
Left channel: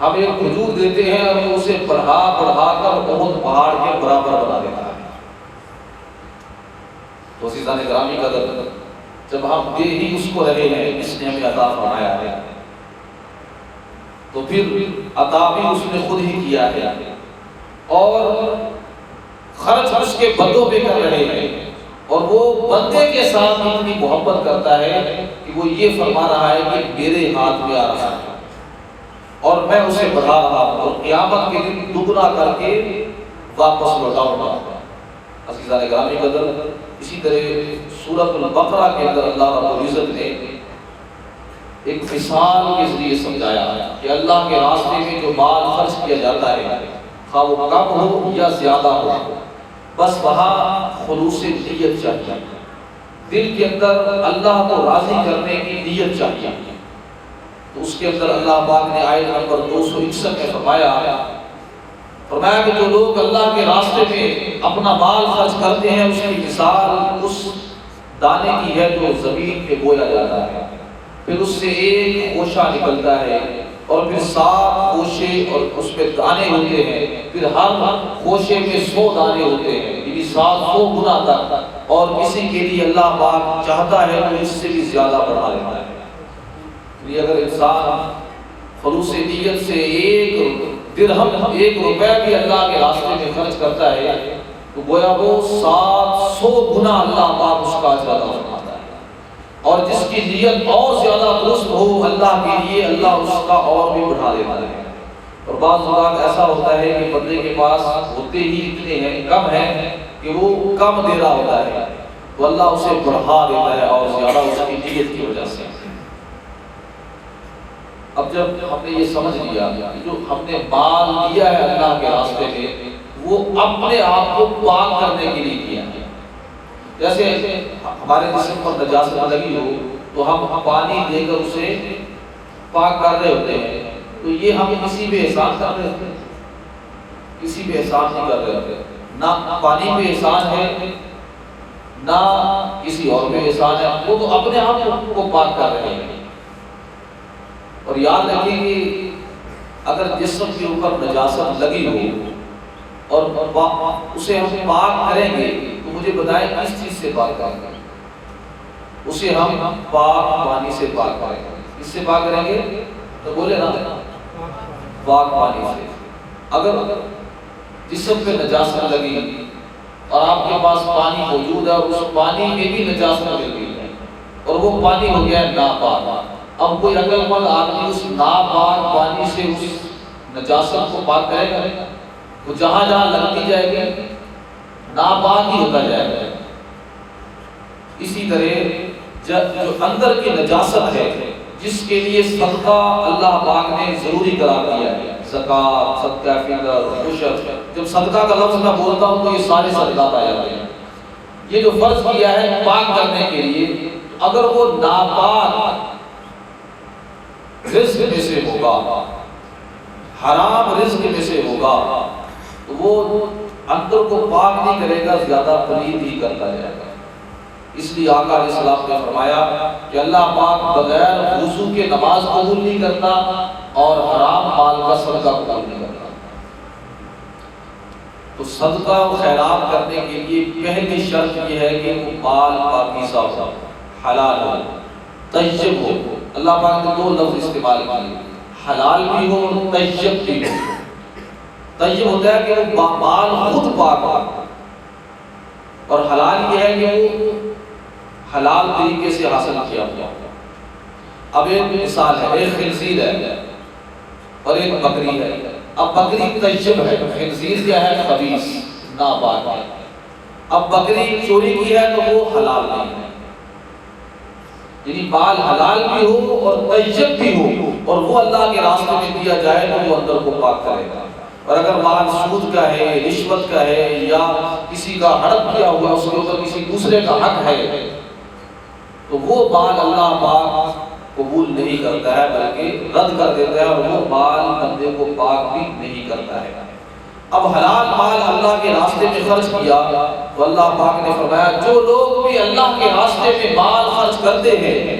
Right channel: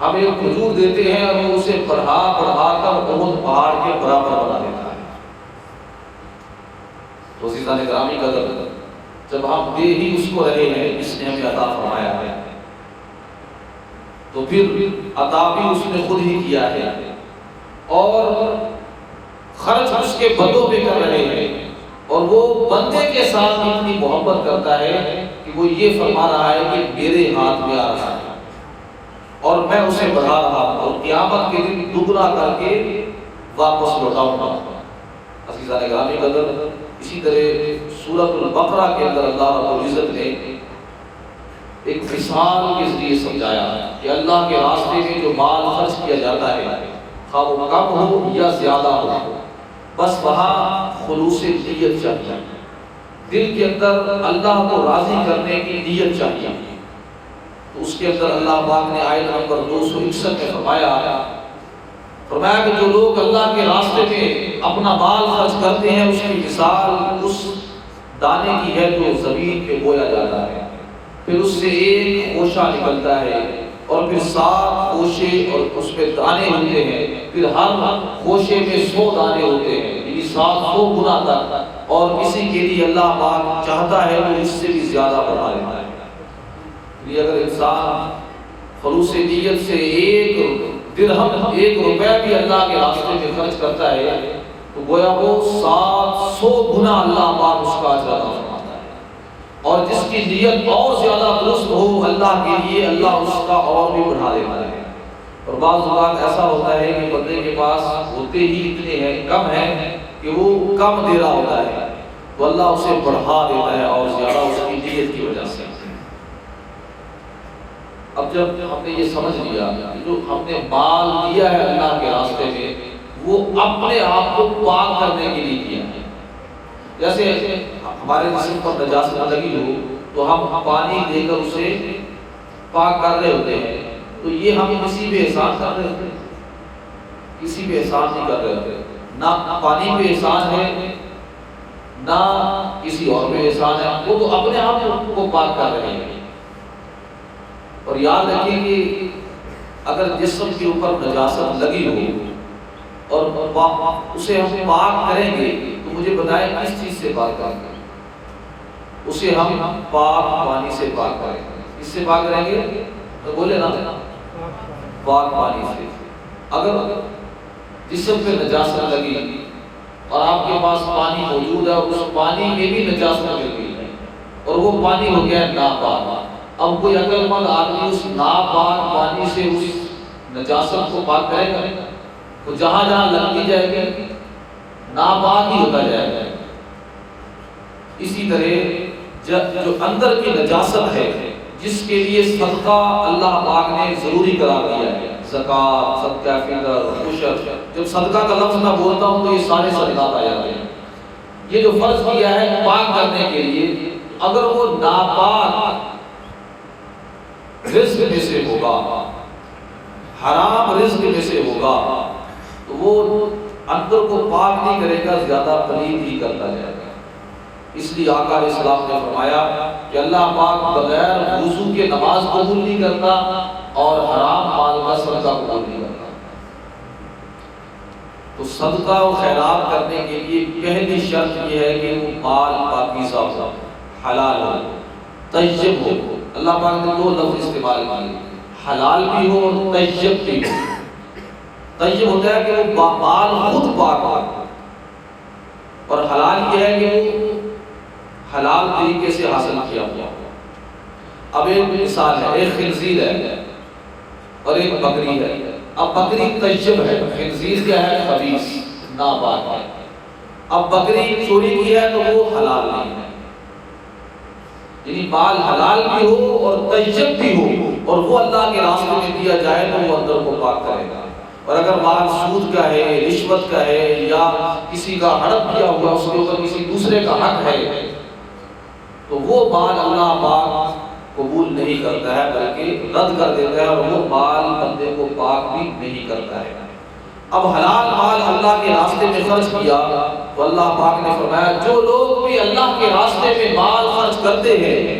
ہم ایک کھجور دیتے ہیں اور وہ اسے بڑھا کر بہت پہاڑ کے برابر بنا دیتا ہے۔ تو عزیزان گرامی قدر، جب ہم دے ہی اس کو رہے ہیں جس نے ہمیں عطا فرمایا ہے تو پھر عطا بھی اس نے خود ہی کیا ہے اور خرچ اس کے بندوں پہ کر رہے ہیں، اور وہ بندے کے ساتھ اتنی محبت کرتا ہے کہ وہ یہ فرما رہا ہے کہ میرے ہاتھ میں آ رہا ہے اور میں اسے بڑھا رہا ہوں اور قیامت کے دن دگنا کر کے واپس لوٹاؤں گا۔ عزیزان گرامی قدر، اسی طرح سورۃ البقرہ کے اندر اللہ رب العزت نے ایک مثال کے ذریعے سمجھایا کہ اللہ کے راستے میں جو مال خرچ کیا جاتا ہے خواہ وہ کم ہو یا زیادہ ہو، بس وہاں خلوص نیت چاہیے، دل کے اندر اللہ کو راضی کرنے کی نیت چاہیے۔ تو اس کے اندر اللہ پاک نے آیت نمبر 261 میں فرمایا کہ جو لوگ اللہ کے راستے میں اپنا مال خرچ کرتے ہیں اس کی مثال اس دانے کی ہے جو زمین پہ بویا جاتا ہے، پھر اس سے ایک خوشہ نکلتا ہے اور پھر 7 خوشے اور اس پہ دانے ہوتے ہیں، پھر ہر خوشے میں 100 دانے ہوتے ہیں، یعنی 700 گنا تک، اور کسی کے لیے اللہ پاک چاہتا ہے وہ اس سے بھی زیادہ بڑھا دیتا ہے۔ اگر انسان خلوص نیت سے ایک درہم، 1 روپے بھی اللہ کے راستے میں خرچ کرتا ہے تو گویا وہ 700 گنا اللہ پاک اس کا اجر عطا فرماتا ہے، اور جس کی نیت اور زیادہ درست ہو اللہ کے لیے اللہ اس کا اور بھی بڑھا دیتا ہے۔ اور بعض اوقات ایسا ہوتا ہے کہ بندے کے پاس ہوتے ہی اتنے ہیں، کم ہیں کہ وہ کم دے رہا ہوتا ہے تو اللہ اسے بڑھا دیتا ہے اور زیادہ اس کی نیت کی وجہ سے۔ اب جب ہم نے یہ سمجھ لیا کہ جو ہم نے مال دیا ہے اللہ کے راستے میں وہ اپنے آپ کو پاک کرنے کے لیے کیا ہے، جیسے ہمارے جسم پر نجاست لگی ہو تو ہم پانی دے کر اسے پاک کر رہے ہوتے ہیں، تو یہ ہم کسی بھی احسان کر رہے ہوتے ہیں، کسی بھی احسان نہیں کر رہے ہوتے، نہ پانی پہ احسان ہے نہ کسی اور پہ احسان ہے، وہ تو اپنے آپ کو پاک کر رہے ہیں۔ اور یاد رکھیں کہ اگر جسم کے اوپر نجاست لگی ہو اور اسے ہم پاک کریں گے تو مجھے بتائیں کس چیز سے پاک کریں گے؟ اسے ہم پاک پانی سے پاک کریں گے۔ کس سے پاک کریں گے؟ تو بولے نا، پاک پانی سے۔ اگر جسم پہ نجاست لگی اور آپ کے پاس پانی موجود ہے اور اس پانی میں بھی نجاست لگی ہے اور وہ پانی ہو گیا ناپاک، اب کوئی عقل مند آدمی اس ناپاک پانی سے اس نجاست کو پاک کرے گا؟ تو جہاں جہاں لگتی جائے گی ناپاک ہی ہوتا جائے گا۔ اسی طرح جو اندر کی نجاست ہے، جس کے لیے صدقہ اللہ پاک نے ضروری قرار دیا ہے، زکوٰۃ، صدقہ فطر، عشر، جب صدقہ کا لفظ میں بولتا ہوں تو یہ سارے صدقات آ جاتے ہیں۔ یہ جو فرض کیا ہے پاک کرنے کے لیے، اگر وہ ناپاک رزق میں سے ہوگا، حرام رزق میں سے ہوگا، تو وہ اندر کو پاک نہیں کرے گا، زیادہ پلید ہی کرتا جائے گا۔ اس لیے آقا علیہ السلام نے فرمایا کہ اللہ پاک بغیر وضو کے نماز قبول نہیں کرتا اور حرام مال کا صدقہ قبول نہیں کرتا۔ تو صدقہ و خیرات کرنے کے لیے پہلی شرط یہ ہے کہ وہ مال پاکیزہ ہو، حلال ہو، طیب ہو۔ اللہ پاک نے دو لفظ استعمال کیے، حلال بھی ہو اور طیب بھی ہو۔ طیب ہوتا ہے کہ وہ مال خود پاک ہو، اور حلال یہ ہے کہ وہ حلال طریقے سے حاصل کیا ہوا۔ اب ایک مثال ہے، ایک خنزیر ہے اور ایک بکری ہے۔ اب بکری طیب ہے، خنزیر کیا ہے؟ خبیث، ناپاک ہے۔ اب بکری چوری کی ہے تو وہ حلال نہیں ہے، یعنی مال حلال بھی ہو اور طیب بھی ہو اور وہ اللہ کے راستے میں دیا جائے تو وہ اندر کو پاک کرے گا۔ اور اگر مال سود کا ہے، رشوت کا ہے، یا کسی کا ہڑپ کیا ہوا اس کے اوپر کسی دوسرے کا حق ہے، تو وہ مال اللہ پاک قبول نہیں کرتا ہے بلکہ رد کر دیتا ہے، اور وہ مال بندے کو پاک بھی نہیں کرتا ہے۔ اب حلال مال اللہ کے راستے میں خرچ کیا تو اللہ پاک نے فرمایا جو لوگ بھی اللہ کے راستے میں مال خرچ کرتے ہیں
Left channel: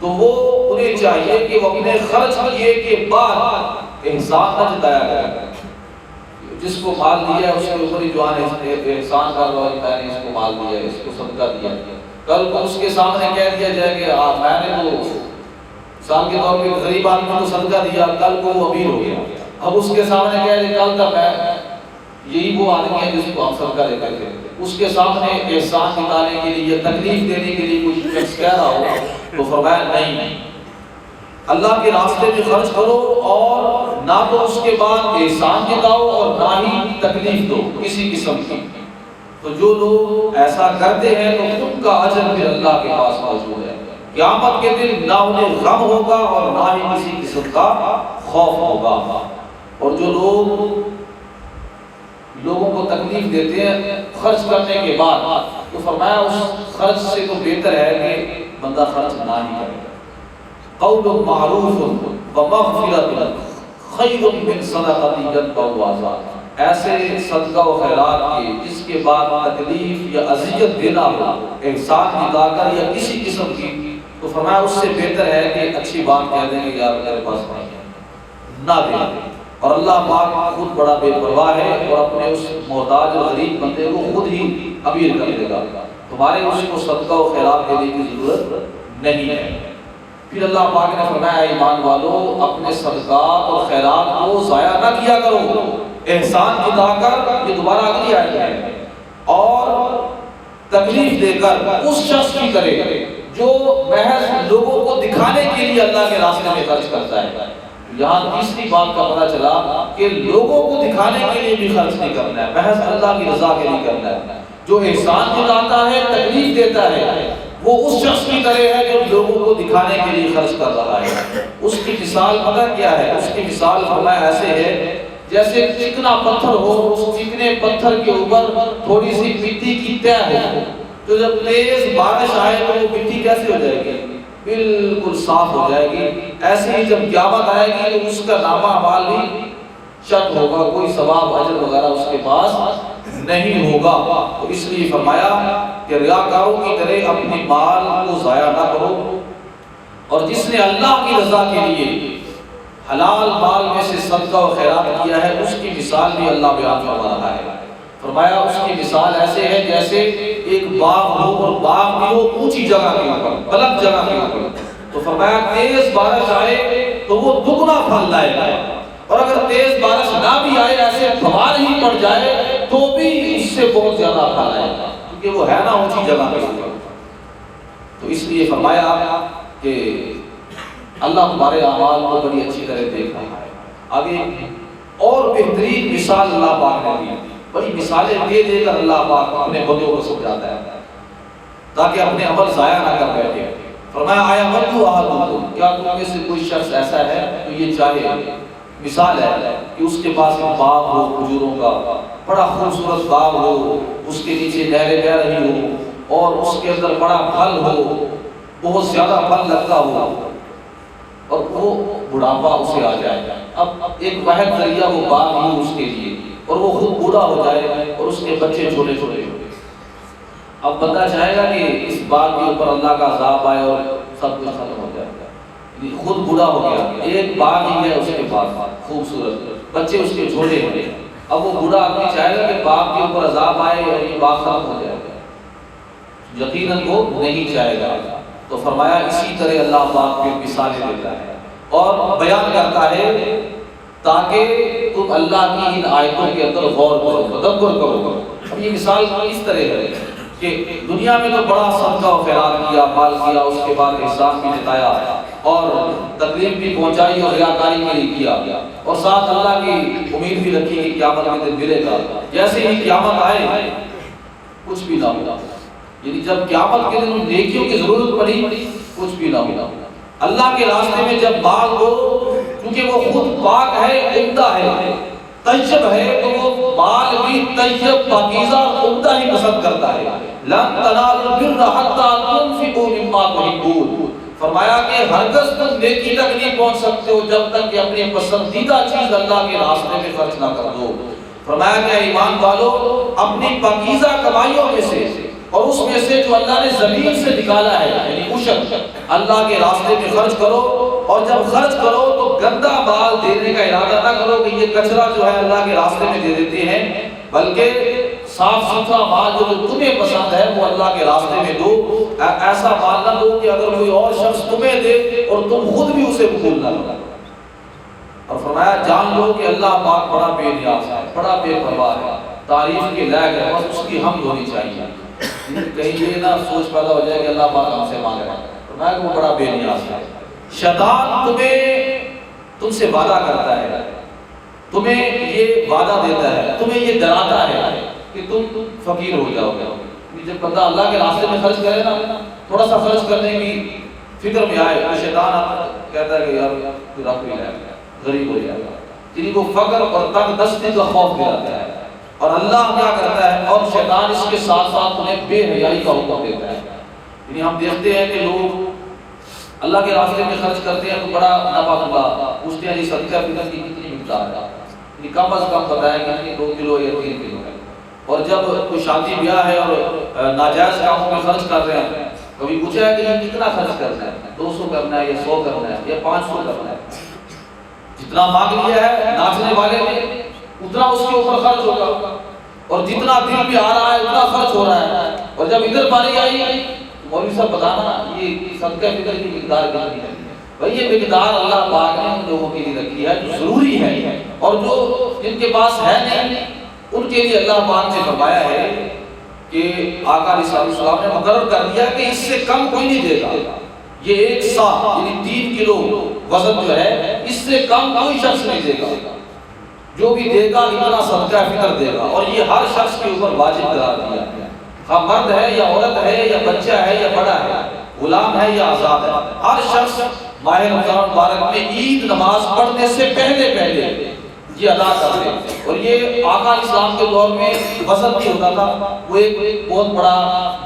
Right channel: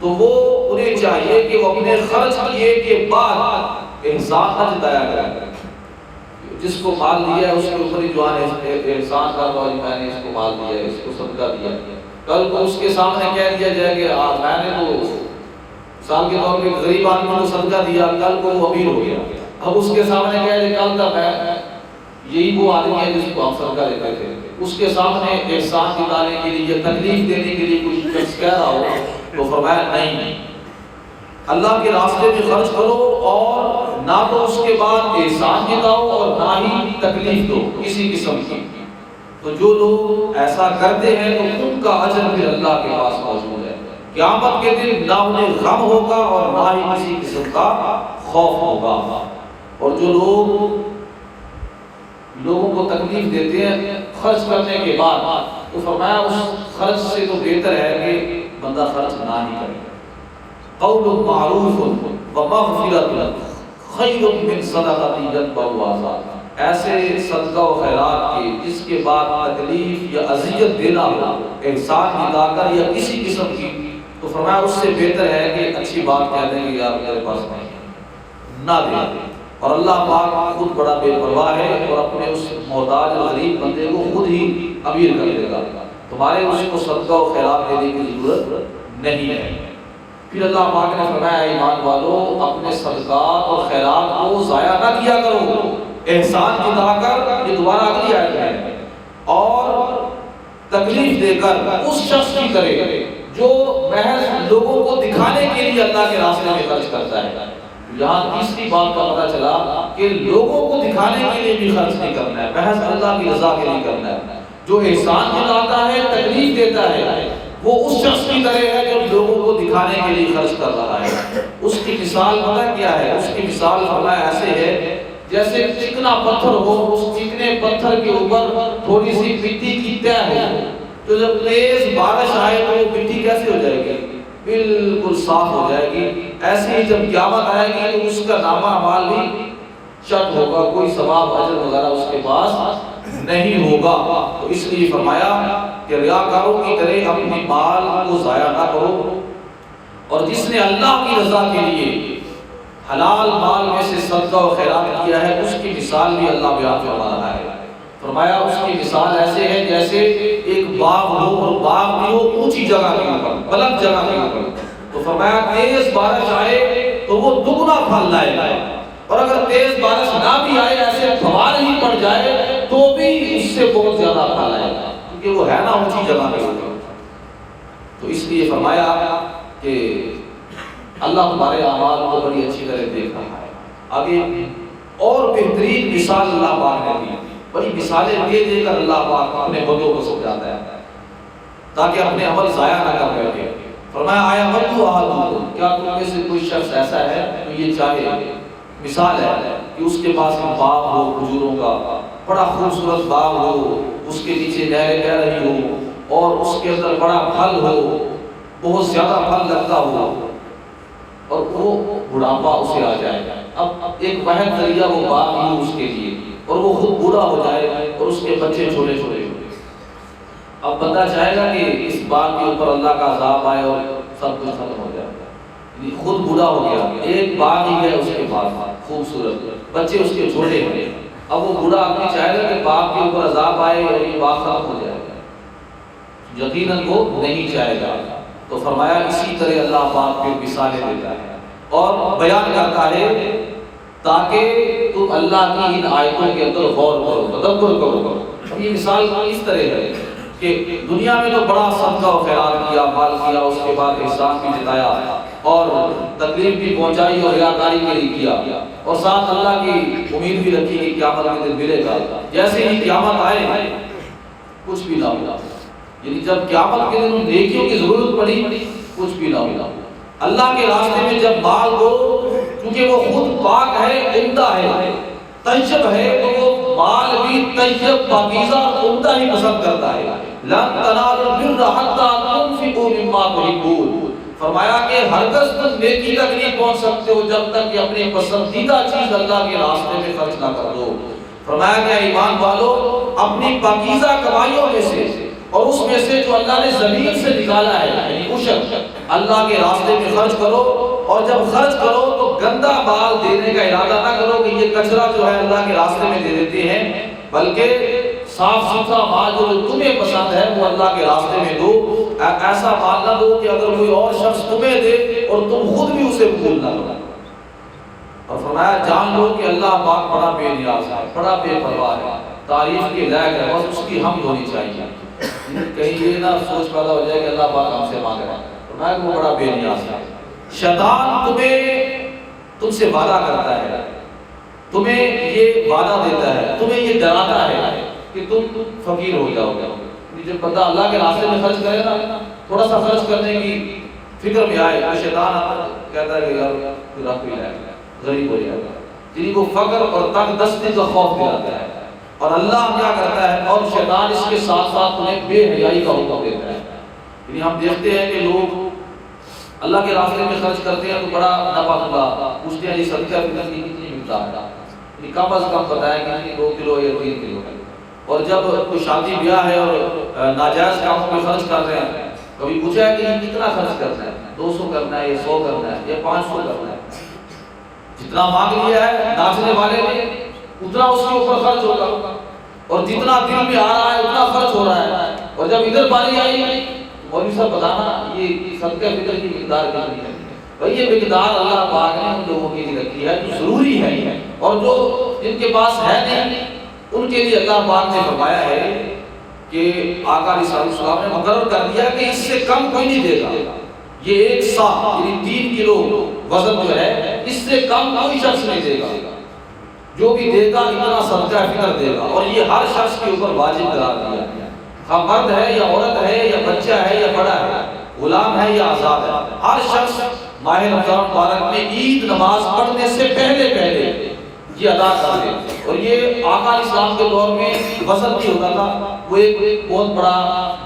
تو وہ انہیں چاہیے کہ وہ اپنے خرچ کیے کے بعد احسان نہ جتایا کریں۔ جس کو مال دیا ہے اس کے اوپر ہی جو ہے احسان کر رہا ہے، میں نے اس کو مال دیا ہے، اس کو صدقہ دیا، کل کو اس کے سامنے کہہ دیا جائے کہ میں نے تو مثال کے طور پہ غریب آدمی کو صدقہ دیا، کل کو وہ امیر ہو گیا، اب اس کے سامنے کہہ رہے کل تک میں یہی وہ آدمی ہے جس کو ہم صدقہ دیتے تھے، اس کے سامنے احسان دلانے کے لیے یا تکلیف دینے کے لیے کوئی شخص کہہ رہا ہو تو فرمایا نہیں، اللہ کے راستے میں خرچ کرو اور نہ تو اس کے بعد احسان جتاؤ اور نہ ہی تکلیف دو کسی قسم کی۔ تو جو لوگ ایسا کرتے ہیں تو ان کا اجر پھر اللہ کے پاس موجود ہے، قیامت کے دن نہ انہیں غم ہوگا اور نہ ہی کسی قسم کا خوف ہوگا۔ اور جو لوگوں کو تکلیف دیتے ہیں خرچ کرنے کے بعد، تو فرمایا اس خرچ سے تو بہتر ہے کہ بندہ خرچ نہ ہی کرے۔ قول معروف ومغفرۃ خیر من صدقۃ یتبعها اذى، ایسے صدقہ و خیرات کے جس کے بعد تکلیف یا اذیت دینا ہو احسان دلا کر یا کسی قسم کی، تو فرمایا اس سے بہتر ہے کہ اچھی بات کہہ دیں کہ یار میرے پاس نہیں ہے، نہ دیں۔ اور اللہ پاک خود بڑا بے پرواہ ہے اور اپنے اس محتاج غریب بندے کو خود ہی امیر کر دے گا، تمہارے اس کو صدقہ و خیرات دینے کی ضرورت نہیں ہے۔ پھر اللہ پاک نے فرمایا ایمان والو اپنے صدقات اور خیرات کو ضائع نہ کیا کرو، احسان جتا کر، یہ دوبارہ اگلی آیت ہے، اور تکلیف دے کر اس شخص کی طرح جو محض لوگوں کو دکھانے کے لیے اللہ کے راستے میں خرچ کرتا ہے۔ یہاں تیسری بات کا پتہ چلا کہ لوگوں کو دکھانے کے لیے بھی خرچ نہیں کرنا ہے، محض اللہ کی رضا کے لیے کرنا ہے۔ جو احسان جتاتا ہے، تکلیف دیتا ہے، وہ اس شخص کی طرح ہے جو لوگوں کو دکھانے کے لیے خرچ کر رہا ہے۔ اس کی مثال پتہ کیا ہے؟ اس کی مثال فرمایا ایسے ہے جیسے چکنا پتھر ہو، اس چکنے پتھر کے اوپر تھوڑی سی مٹی کی تہ ہو، تو جب تیز بارش آئے تو وہ مٹی کیسے ہو جائے گی؟ بالکل صاف ہو جائے گی۔ ایسے ہی جب قیامت آئے گی اس کا نامہ اعمال بھی چیک ہوگا، کوئی ثواب اجر وغیرہ اس کے پاس نہیں ہوگا۔ تو اس لیے فرمایا کہ ریاکاروں کی طرح اپنے مال کو ضائع نہ کرو، اور جس نے اللہ کی رضا کے لیے حلال مال میں سے صدقہ و خیرات کیا ہے اس کی مثال بھی اللہ بیان فرما رہا ہے۔ فرمایا اس کی مثال ایسے ہے جیسے ایک باغ ہو، اور باغ بھی ہو اونچی جگہ کے اوپر، بلند جگہ کے اوپر، تو فرمایا تیز بارش آئے تو وہ دگنا پھل لائے گا، اور اگر تیز بارش نہ بھی آئے، ایسے فوار ہی پڑ جائے تو بھی اس سے بہت زیادہ پھل آئے گا، کیونکہ وہ ہے نا اونچی جگہ کے اوپر۔ تو اس لیے فرمایا کہ اللہ ہمارے اعمال کو بڑی اچھی طرح دیکھ رہا ہے۔ ابھی اور بہترین مثال اللہ پاک نے دی، بڑی مثالیں دے دے کر اللہ پاک اپنے بندوں کو سمجھاتا ہے تاکہ اپنے عمل ضائع نہ کر بیٹھے۔ فرمایا آیا ودو احدکم، کیا تم میں سے کوئی شخص ایسا ہے جو یہ چاہے، مثال ہے کہ اس کے پاس ایک باغ ہو کھجوروں کا، بڑا خوبصورت باغ ہو، اس کے نیچے نہریں بہہ رہی ہو، اور اس کے اندر بڑا پھل ہو، بہت زیادہ پھل لگتا ہو، اور وہ بڑھاپا اسے آ جائے، اب ایک واحد ذریعہ وہ باغ ہی اس کے لیے، اور وہ خود بوڑھا ہو جائے اور اس کے بچے چھوٹے چھوٹے ہو۔ اب بندہ چاہے گا کہ اس باغ کے اوپر اللہ کا عذاب آئے اور سب کچھ ختم ہو جائے، خود بوڑھا ہو گیا، ایک باغ ہی ہے اس کے پاس خوبصورت، بچے اس کے چھوٹے ہوئے، اب وہ بوڑھا آدمی چاہے گا کہ باغ کے اوپر عذاب آئے اور یہ باغ ختم ہو جائے گا، یقیناً وہ نہیں چاہے گا۔ تو فرمایا اسی طرح اللہ پاک پھر مثالیں دیتا ہے اور بیان کرتا ہے تاکہ تم اللہ کی ان آیتوں کے اندر غور کرو، تدبر کرو۔ یہ مثال اس طرح ہے کہ دنیا میں تو بڑا صدقہ و خیرات کیا، مال کیا، اس کے بعد احسان بھی جتایا اور تکلیف بھی پہنچائی اور ریاکاری کے لیے کیا، اور ساتھ اللہ کی امید بھی رکھی کہ قیامت کے دن ملے گا۔ جیسے ہی قیامت آئے کچھ بھی نہ ملا، یعنی جب قیامت کے دن نیکیوں کی ضرورت پڑی کچھ بھی نہ ملا۔ اللہ کے راستے میں جب مال ہو، کیونکہ وہ خود پاک ہے، عمدہ ہے، طیب ہے، تو وہ مال بھی طیب، پاکیزہ، عمدہ ہی پسند کرتا ہے۔ لن تنالوا البر حتى تنفقوا مما تحبون، فرمایا کہ ہرگز تم نیکی تک نہیں پہنچ سکتے ہو جب تک کہ اپنی پسندیدہ چیز اللہ کے راستے میں خرچ نہ کر دو۔ فرمایا کہ ایمان والو اپنی پاکیزہ کمائیوں میں سے اور اس میں سے جو اللہ نے زمین سے نکالا ہے، یعنی عشر، اللہ کے راستے میں خرچ کرو، اور جب خرچ کرو تو گندا مال دینے کا ارادہ نہ کرو کہ یہ کچرا جو ہے اللہ کے راستے میں دے دیتے ہیں، بلکہ صاف ستھرا مال جو تمہیں پسند ہے وہ اللہ کے راستے میں دو۔ ایسا مال نہ دو کہ اگر کوئی اور شخص تمہیں دے اور تم خود بھی اسے قبول نہ کرو۔ اور فرمایا جان لو کہ اللہ پاک بڑا بے نیاز ہے، بڑا بے پرواہ ہے، تعریف کے لائق ہے، بس اس کی حمد ہونی چاہیے۔ کہیں یہ نہ سوچ پیدا ہو جائے کہ اللہ پاک ہم سے مانگ رہا ہے، فرمایا کہ وہ بڑا بے نیاز ہے۔ شیطان تم سے وعدہ کرتا ہے، تمہیں یہ وعدہ دیتا ہے، تمہیں یہ ڈراتا ہے کہ تم فقیر ہو جاؤ گے۔ جب بندہ اللہ کے راستے میں خرچ کرے نا، تھوڑا سا خرچ کرنے کی فکر میں آئے تو شیطان آتا کہتا ہے کہ یار رب بھی جائے گا، غریب ہو جائے گا، جن کو فقر اور تنگ دستی کا خوف دلاتا ہے، اور اللہ کیا کرتا ہے، اور شیطان اس کے ساتھ ساتھ انہیں بے حیائی کا حکم دیتا ہے۔ یعنی ہم دیکھتے ہیں کہ لوگ اللہ کے راستے میں خرچ کرتے ہیں تو بڑا نفع ہوتا، پوچھتے ہیں جی صدقہ فطر کی کتنی مقدار ہے، کم از کم بتائیں گے کہ 2 کلو یا 3 کلو ہے، اور جب کوئی شادی بیاہ ہے اور ناجائز کاموں میں خرچ کر رہے ہیں، کبھی پوچھا ہے کہ یہ کتنا خرچ کرنا ہے، 200 کرنا ہے یا 100 کرنا ہے یا 500 کرنا ہے، جتنا مانگ لیا ہے ناچنے والے نے اتنا اس کے اوپر خرچ ہوگا، اور جتنا دل میں آ رہا ہے اتنا خرچ ہو رہا ہے۔ اور جب ادھر باری آئی مولوی صاحب بتانا یہ صدقہ فطر کی مقدار کتنی ہے، بھائی یہ مقدار اللہ پاک نے ان لوگوں کے لیے رکھی ہے جو ضروری ہے، اور جو جن کے پاس ہے نہیں ان کے لیے اللہ پاک نے فرمایا ہے کہ آقا علیہ السلام نے مقرر کر دیا کہ اس سے کم کوئی نہیں دے گا، یہ 1 سا یعنی 3 کلو وزن جو ہے اس سے کم کوئی شخص نہیں دے گا، جو بھی دے گا اتنا صدقہ فطر دے گا، اور یہ ہر شخص کے اوپر واجب قرار دیا ہے، خواہ مرد ہے یا عورت ہے یا بچہ ہے یا بڑا ہے، غلام ہے یا آزاد ہے، ہر شخص ماہ رمضان مبارک میں عید نماز پڑھنے سے پہلے یہ ادا کر دے۔ اور یہ آقا علیہ السلام کے دور میں وزن بھی ہوتا تھا، وہ ایک بہت بڑا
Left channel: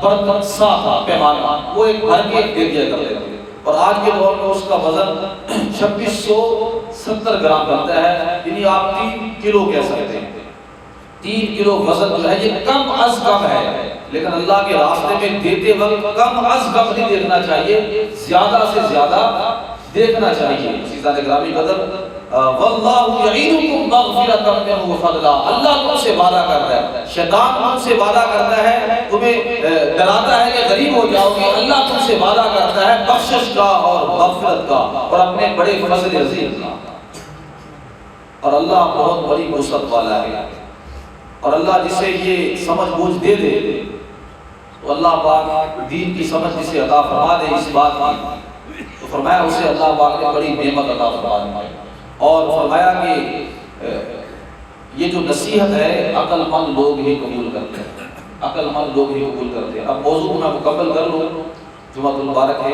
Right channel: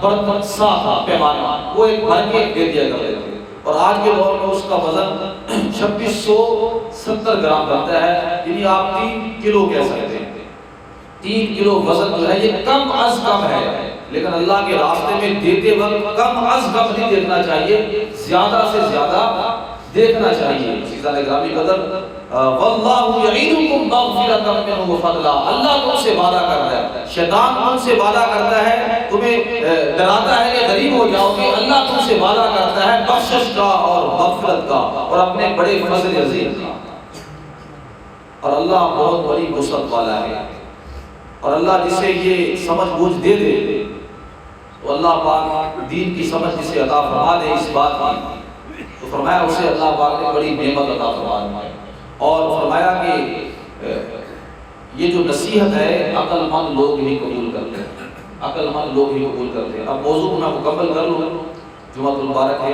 برتن سا تھا، پیمانہ، وہ ایک بھر کے دے دیا کرتے تھے، اور آج کے دور میں اس کا وزن 2670 گرام بنتا ہے، یعنی آپ 3 کلو کہہ سکتے ہیں۔ 3 کلو وزن جو ہے یہ کم از کم ہے، لیکن اللہ کے راستے میں دیتے وقت کم از کم نہیں دیکھنا چاہیے، زیادہ سے زیادہ دیکھنا چاہیے۔ عزیزان گرامی قدر، واللہ یعیدکم مغفرۃ منہ وفضلا، اللہ تم سے وعدہ کرتا ہے، شیطان تم سے وعدہ کرتا ہے، تمہیں ڈراتا ہے کہ غریب ہو جاؤ گے، اللہ تم سے وعدہ کرتا ہے بخشش کا اور مغفرت کا اور اپنے بڑے فضل عظیم کا۔ اور اللہ بہت بڑی وسعت والا ہے، اور اللہ جسے یہ سمجھ بوجھ دے دے تو اللہ پاک دین کی سمجھ جسے عطا فرما دے اس بات کی، تو فرمایا اسے اللہ پاک نے بڑی نعمت عطا فرما دی، اور فرمایا کہ یہ جو نصیحت ہے عقل مند لوگ ہی قبول کرتے ہیں، عقل مند لوگ ہی قبول کرتے ہیں۔ اب موضوع کو میں مکمل کر لوں، جمعہ المبارک ہے،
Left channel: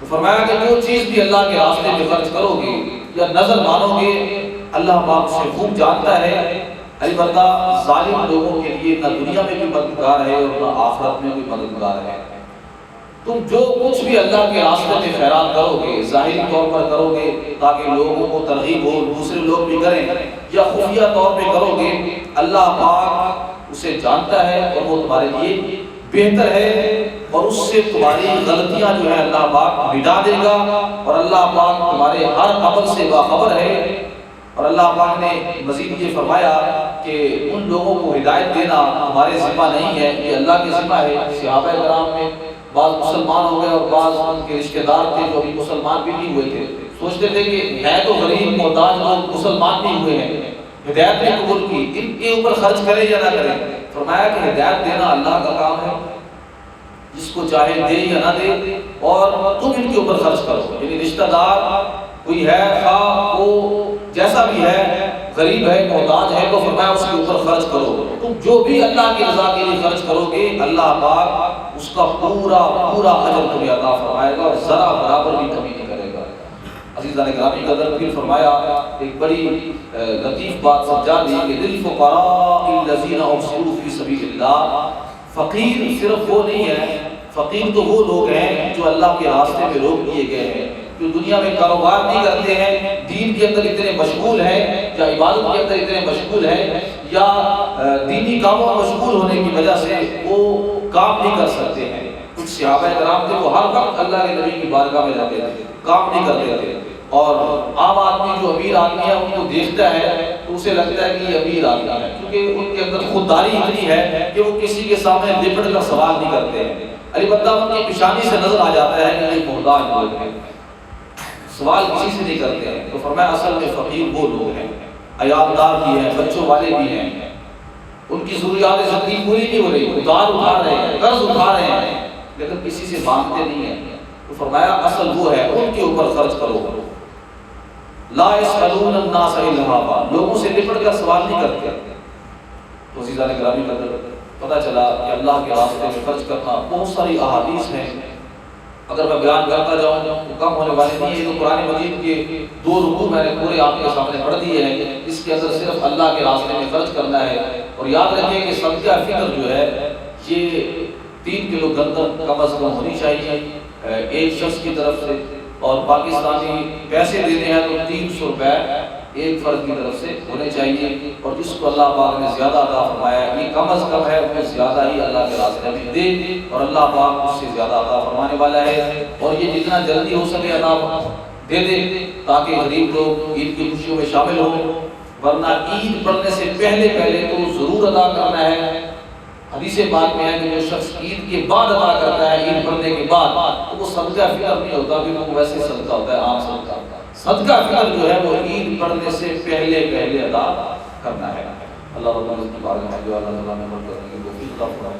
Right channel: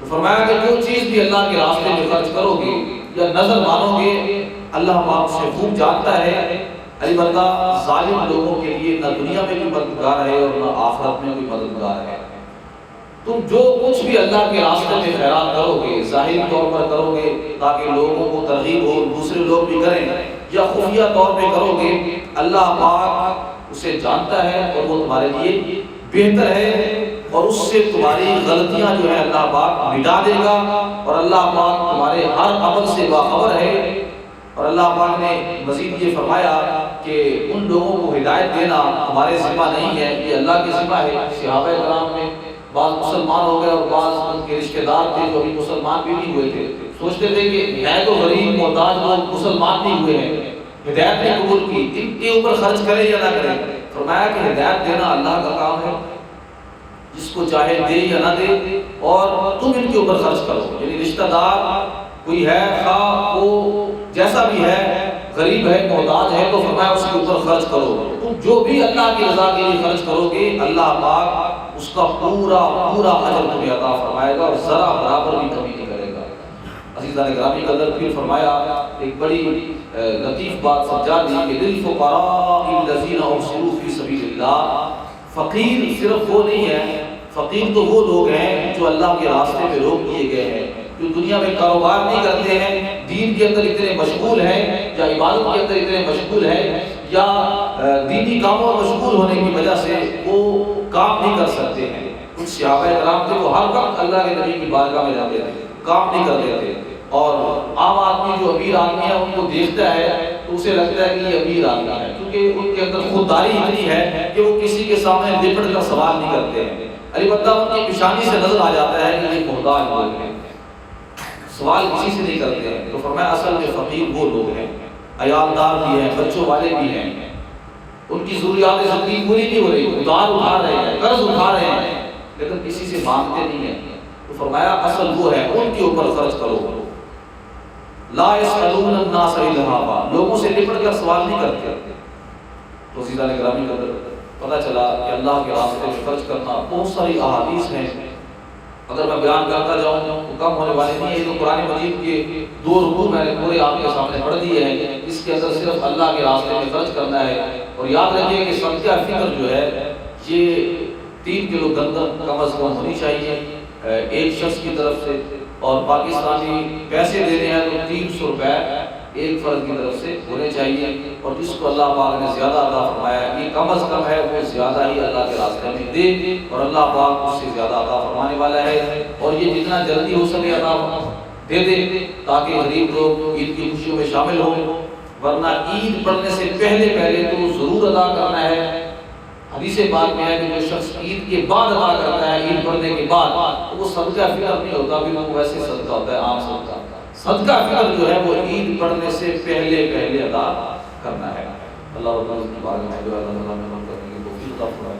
تو فرمایا کہ جو چیز بھی اللہ کے راستے میں خرچ کرو گے یا نظر مانو گے، اللہ پاک سے خوب جانتا ہے۔ البتہ ظالم لوگوں کے لیے نہ دنیا میں بھی مددگار ہے اور نہ آخرت میں بھی مددگار ہے۔ تم جو کچھ بھی اللہ کے راستے میں خیرات کرو گے، ظاہری طور پر کرو گے تاکہ لوگوں کو ترغیب ہو، دوسرے لوگ بھی کریں، یا خفیہ طور پہ کرو گے، اللہ پاک اسے جانتا ہے اور وہ تمہارے لیے بہتر ہے، اور اس سے تمہاری غلطیاں جو ہے اللہ پاک مٹا دے گا، اور اللہ پاک تمہارے ہر عمل سے باخبر ہے۔ اور اللہ پاک نے مزید یہ فرمایا کہ ان لوگوں کو ہدایت دینا ہمارے ذمہ نہیں ہے، یہ اللہ کے ذمہ ہے۔ صحابہ کرام میں بعض مسلمان ہو گئے اور بعض ان کے رشتہ دار تھے جو مسلمان بھی نہیں ہوئے تھے، سوچتے تھے کہ ہے تو غریب محتاج لوگ مسلمان بھی ہوئے ہیں، ہدایت نے قبول کی، ان کے اوپر خرچ کرے یا نہ کرے؟ فرمایا کہ ہدایت دینا اللہ کا کام ہے، جس کو چاہے دے یا نہ دے، اور تم ان کے اوپر خرچ کرو۔ یعنی رشتہ دار کوئی ہے، خواہ وہ جیسا بھی ہے، غریب ہے، محتاج ہے، تو فرمایا اس کے اوپر خرچ کرو۔ تم جو بھی اللہ کی رضا کے لیے خرچ کرو گے، اللہ پاک اس کا پورا پورا اجر تمہیں عطا فرمائے گا اور ذرا برابر بھی کمی نہیں کرے گا۔ عزیزان گرامی قدر، پھر فرمایا ایک بڑی لطیف بات سمجھا دی کہ للفقراء الذین احصروا فی سبیل اللہ، فقیر صرف وہ نہیں ہے، فقیر تو وہ لوگ ہیں جو اللہ کے راستے میں روک دیے گئے ہیں، جو دنیا میں کاروبار نہیں کرتے ہیں، دین کے اندر اتنے مشغول ہیں یا عبادت کے اندر اتنے مشغول ہیں یا دینی کاموں میں مشغول ہونے کی وجہ سے وہ کام نہیں کر سکتے ہیں۔ کچھ صحابہ کرام تھے وہ ہر وقت اللہ کے نبی کی بارگاہ میں جاتے تھے، کام نہیں کرتے تھے، اور عام آدمی جو امیر آدمی ہے ان کو دیکھتا ہے تو اسے لگتا ہے کہ یہ امیر آدمی ہے، کیونکہ ان کے اندر خودداری اتنی ہے کہ وہ کسی کے سامنے لپٹ کر سوال نہیں کرتے ہیں، البتہ ان کی پیشانی سے نظر آ جاتا ہے کہ یہ محتاج لوگ ہیں، سوال کسی سے نہیں کرتے ہیں۔ تو فرمایا اصل میں فقیر وہ لوگ ہیں، عیالدار بھی ہیں، بچوں والے بھی ہیں، ان کی ضروریات زندگی پوری نہیں ہو رہی، ادھار اٹھا رہے ہیں، قرض اٹھا رہے ہیں، لیکن کسی سے مانگتے نہیں ہیں۔ تو فرمایا اصل وہ ہے، ان کے اوپر خرچ کرو۔ لا يسألون الناس الہافا، لوگوں سے لپٹ کر سوال نہیں کرتے۔ تو عزیزان گرامی قدر، پتہ چلا کہ اللہ کے راستے میں خرچ کرنا بہت ساری احادیث ہیں، اگر میں بیان کرتا جاؤں تو کم ہونے والی نہیں ہے۔ یہ تو قرآن مجید کے 2 رکوع میں نے پورے آپ کے سامنے پڑھ دیے ہیں، جس کے اندر صرف اللہ کے راستے میں خرچ کرنا ہے۔ اور یاد رکھیں کہ صدقہ فطر جو ہے یہ 3 کلو گندم کم از کم ہونی چاہیے ایک شخص کی طرف سے، اور پاکستانی پیسے دینے ہیں تو 300 روپے ایک فرد کی طرف سے ہونے چاہیے، اور جس کو اللہ پاک نے زیادہ عطا فرمایا یہ کم از کم ہے، وہ زیادہ ہی اللہ کے راستے میں دے، اور اللہ پاک اس سے زیادہ عطا فرمانے والا ہے، اور یہ جتنا جلدی ہو سکے عطا دے دے تاکہ غریب لوگ عید کی خوشیوں میں شامل ہوں، ورنہ عید پڑھنے سے پہلے تو ضرور ادا کرنا ہے۔ حدیث پاک میں ہے کہ جو شخص عید کے بعد ادا کرتا ہے، عید پڑھنے کے بعد، وہ صدقہ فطر نہیں ہوتا، بھی وہ ویسے صدقہ ہوتا ہے، عام صدقہ۔ صدقہ فطر جو ہے وہ عید پڑھنے سے پہلے ادا کرنا ہے۔ اللہ رب العزت کی بارگاہ میں دعا کرنے کی توفیق عطا فرمائے۔